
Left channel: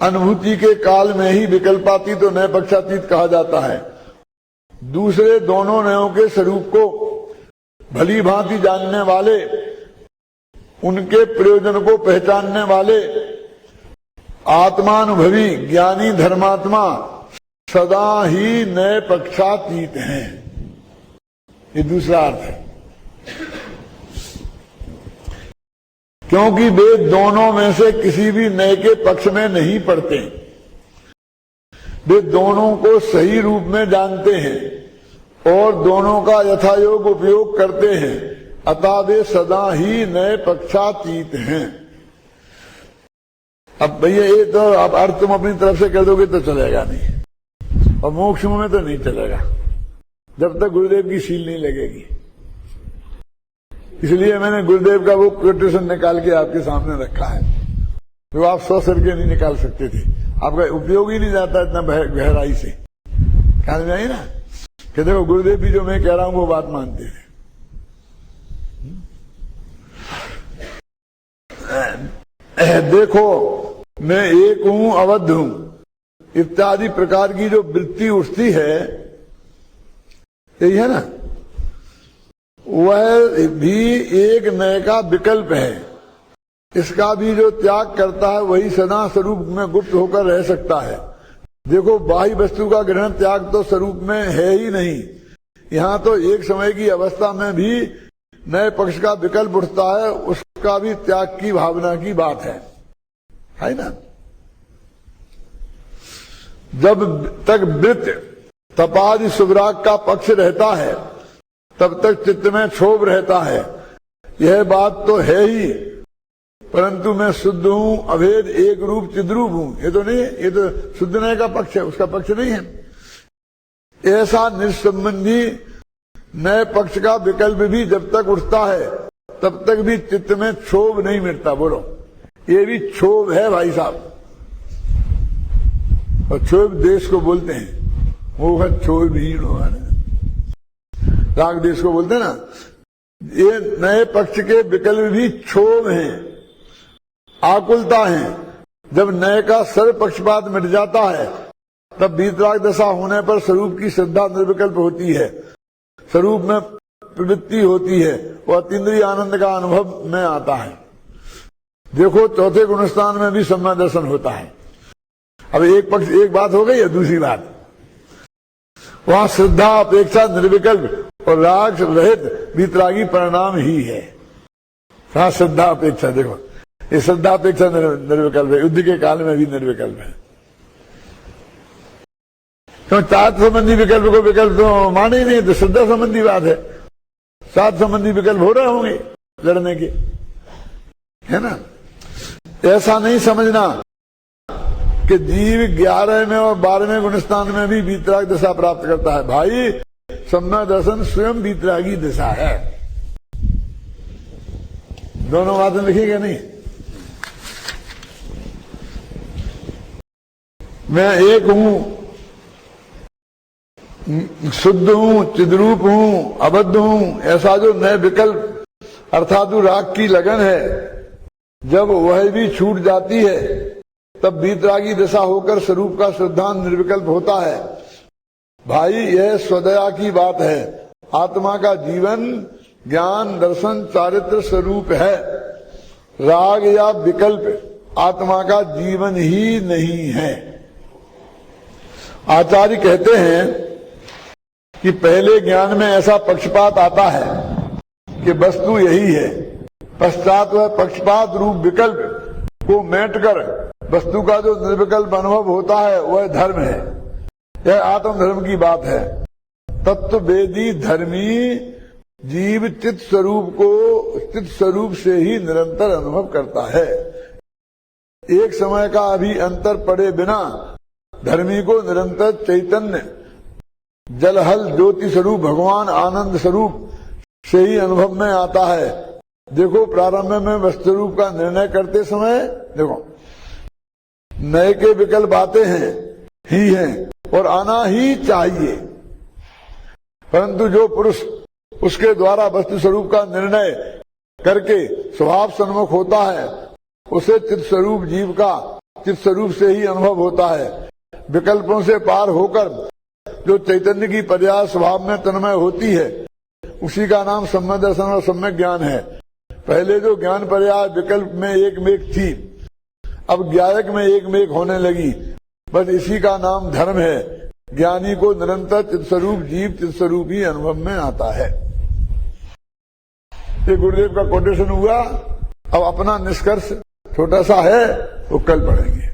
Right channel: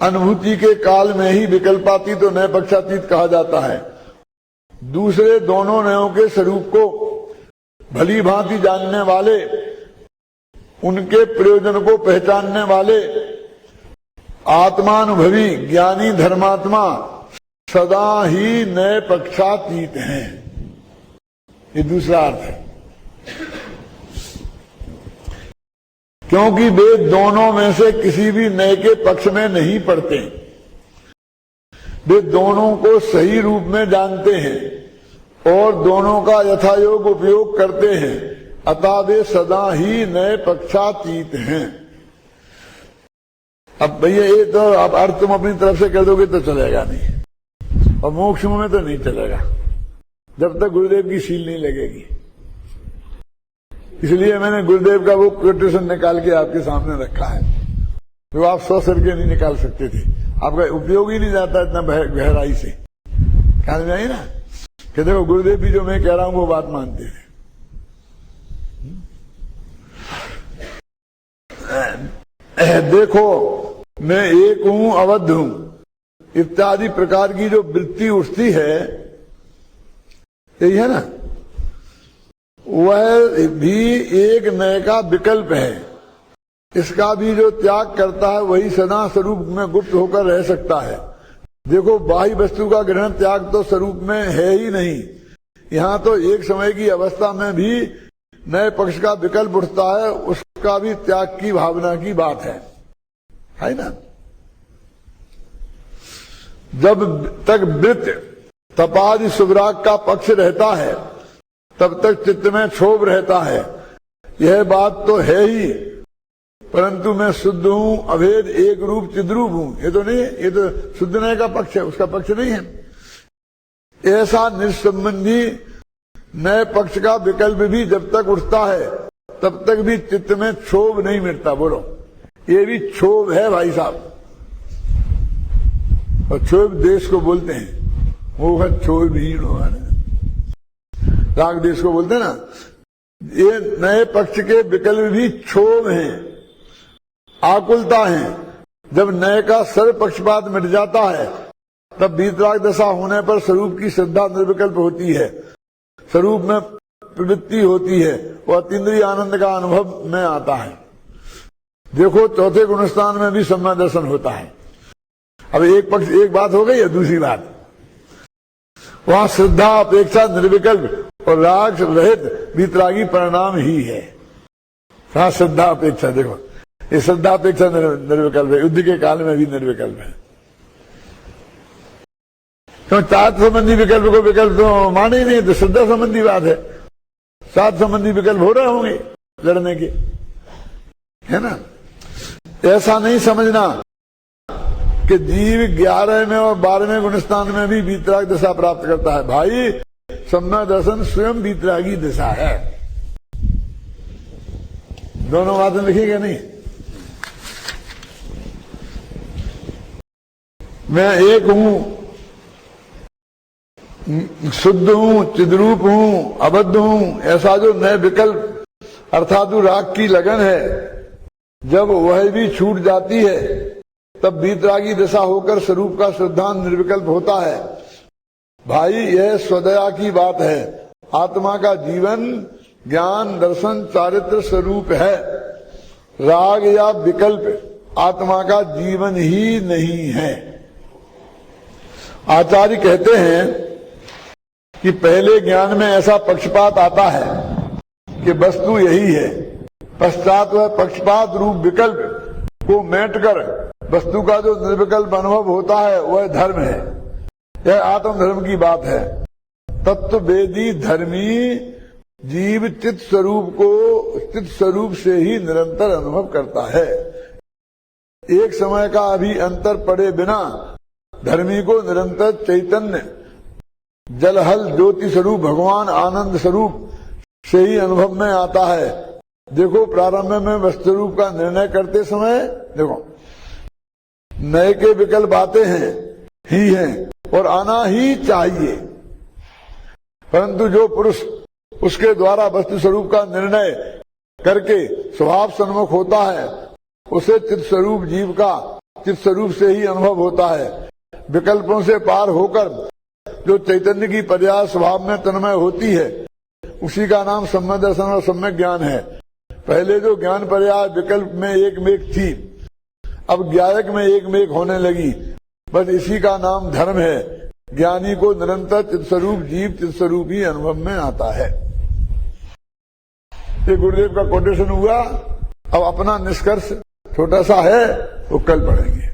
अनुभूति के काल में ही विकल्पातीत और नए पक्षातीत कहा जाता है। दूसरे दोनों नयों के स्वरूप को भली भांति जानने वाले, उनके प्रयोजन को पहचानने वाले आत्मानुभवी ज्ञानी धर्मात्मा सदा ही नए पक्षातीत हैं। ये दूसरा अर्थ है, क्योंकि वे दोनों में से किसी भी नए के पक्ष में नहीं पड़ते। वे दोनों को सही रूप में जानते हैं और दोनों का यथायोग उपयोग करते हैं, अतः वे सदा ही नए पक्षातीत हैं। अब भैया ये तो अब अर्थ तुम अपनी तरफ से कर दोगे तो चलेगा नहीं, और मोक्ष में तो नहीं चलेगा जब तक गुरुदेव की सील नहीं लगेगी। इसलिए मैंने गुरुदेव का वो कोटेशन निकाल के आपके सामने रखा है, जो आप 100 सिर के नहीं निकाल सकते थे। आपका उपयोग ही नहीं जाता इतना गहराई से। ख्याल में आई ना कि देखो गुरुदेव भी जो मैं कह रहा हूं वो बात मानते हैं। देखो मैं एक हूं, अवध हूं इत्यादि प्रकार की जो वृत्ति उठती है, यही है ना, वह भी एक नए का विकल्प है। इसका भी जो त्याग करता है वही सदा स्वरूप में गुप्त होकर रह सकता है। देखो बाह्य वस्तु का ग्रहण त्याग तो स्वरूप में है ही नहीं, यहाँ तो एक समय की अवस्था में भी नए पक्ष का विकल्प उठता है, उसका भी त्याग की भावना की बात है ना। जब तक वृत्त तपादि सुभराग का पक्ष रहता है तब तक चित्त में क्षोभ रहता है, यह बात तो है ही। परंतु मैं शुद्ध हूं, अभेद एक रूप चिद्रूप हूं, ये तो नहीं है, ये तो शुद्ध नए का पक्ष है, उसका पक्ष नहीं है। ऐसा निस्संबंधी नए पक्ष का विकल्प भी जब तक उठता है तब तक भी चित्त में क्षोभ नहीं मिटता। बोलो, ये भी क्षोभ है भाई साहब। और क्षोभ देश को बोलते हैं, वो है क्षोभहीन होगा ना, राग देश को बोलते हैं ना। ये नए पक्ष के विकल्प भी क्षोभ हैं, आकुलता है। जब नए का सर्व पक्षपात मिट जाता है तब वीतराग दशा होने पर स्वरूप की श्रद्धा निर्विकल्प होती है, स्वरूप में प्रवृत्ति होती है और अतीन्द्रिय आनंद का अनुभव में आता है। देखो चौथे गुणस्थान में भी सम्यक दर्शन होता है। अब एक पक्ष, एक बात हो गई है, दूसरी बात वहां श्रद्धा अपेक्षा निर्विकल्प और राग रहित वीतरागी परिणाम ही है। हाँ, श्रद्धा अपेक्षा, देखो ये श्रद्धा अपेक्षा निर्विकल्प है, युद्ध के काल में भी निर्विकल्प है। क्यों? चार्थ संबंधी विकल्प को विकल्प तो माने ही नहीं, तो श्रद्धा संबंधी बात है। सात संबंधी विकल्प हो रहे होंगे लड़ने के, है ना। ऐसा नहीं समझना कि जीव 11वें और 12वें गुणस्थान में भी वीतराग दशा प्राप्त करता है। भाई सम्यक दर्शन स्वयं वीतरागी दशा है। दोनों बातें लिखी नहीं। मैं एक हूं, शुद्ध हूं, चिद्रूप हूं, अबद्ध हूं, ऐसा जो नए विकल्प अर्थात राग की लगन है, जब वह भी छूट जाती है तब वीतरागी दशा होकर स्वरूप का श्रद्धान निर्विकल्प होता है। भाई यह स्वदया की बात है। आत्मा का जीवन ज्ञान दर्शन चारित्र स्वरूप है। राग या विकल्प आत्मा का जीवन ही नहीं है। आचार्य कहते हैं कि पहले ज्ञान में ऐसा पक्षपात आता है कि वस्तु यही है, पश्चात वह पक्षपात रूप विकल्प को मेटकर वस्तु का जो निर्विकल्प अनुभव होता है वह धर्म है। यह आत्मधर्म की बात है। तत्व वेदी धर्मी जीव चित स्वरूप को चित स्वरूप से ही निरंतर अनुभव करता है। एक समय का अभी अंतर पड़े बिना धर्मी को निरंतर चैतन्य जलहल ज्योति स्वरूप भगवान आनंद स्वरूप से ही अनुभव में आता है। देखो प्रारंभ में वस्तु रूप का निर्णय करते समय देखो नए के विकल्प आते हैं ही हैं और आना ही चाहिए, परंतु जो पुरुष उसके द्वारा वस्तु स्वरूप का निर्णय करके स्वभाव सन्मुख होता है उसे चित स्वरूप जीव का चित स्वरूप से ही अनुभव होता है। विकल्पों से पार होकर जो चैतन्य की पर्याय स्वभाव में तन्मय होती है उसी का नाम सम्यक दर्शन और सम्यक ज्ञान है। पहले जो ज्ञान पर्याय विकल्प में एक मेक थी, अब ज्ञायक में एक मेक होने लगी। बस इसी का नाम धर्म है। ज्ञानी को निरंतर चित्स्वरूप जीव चित्स्वरूप ही अनुभव में आता है। ये गुरुदेव का कोटेशन हुआ। अब अपना निष्कर्ष छोटा सा है, वो कल पढ़ेंगे।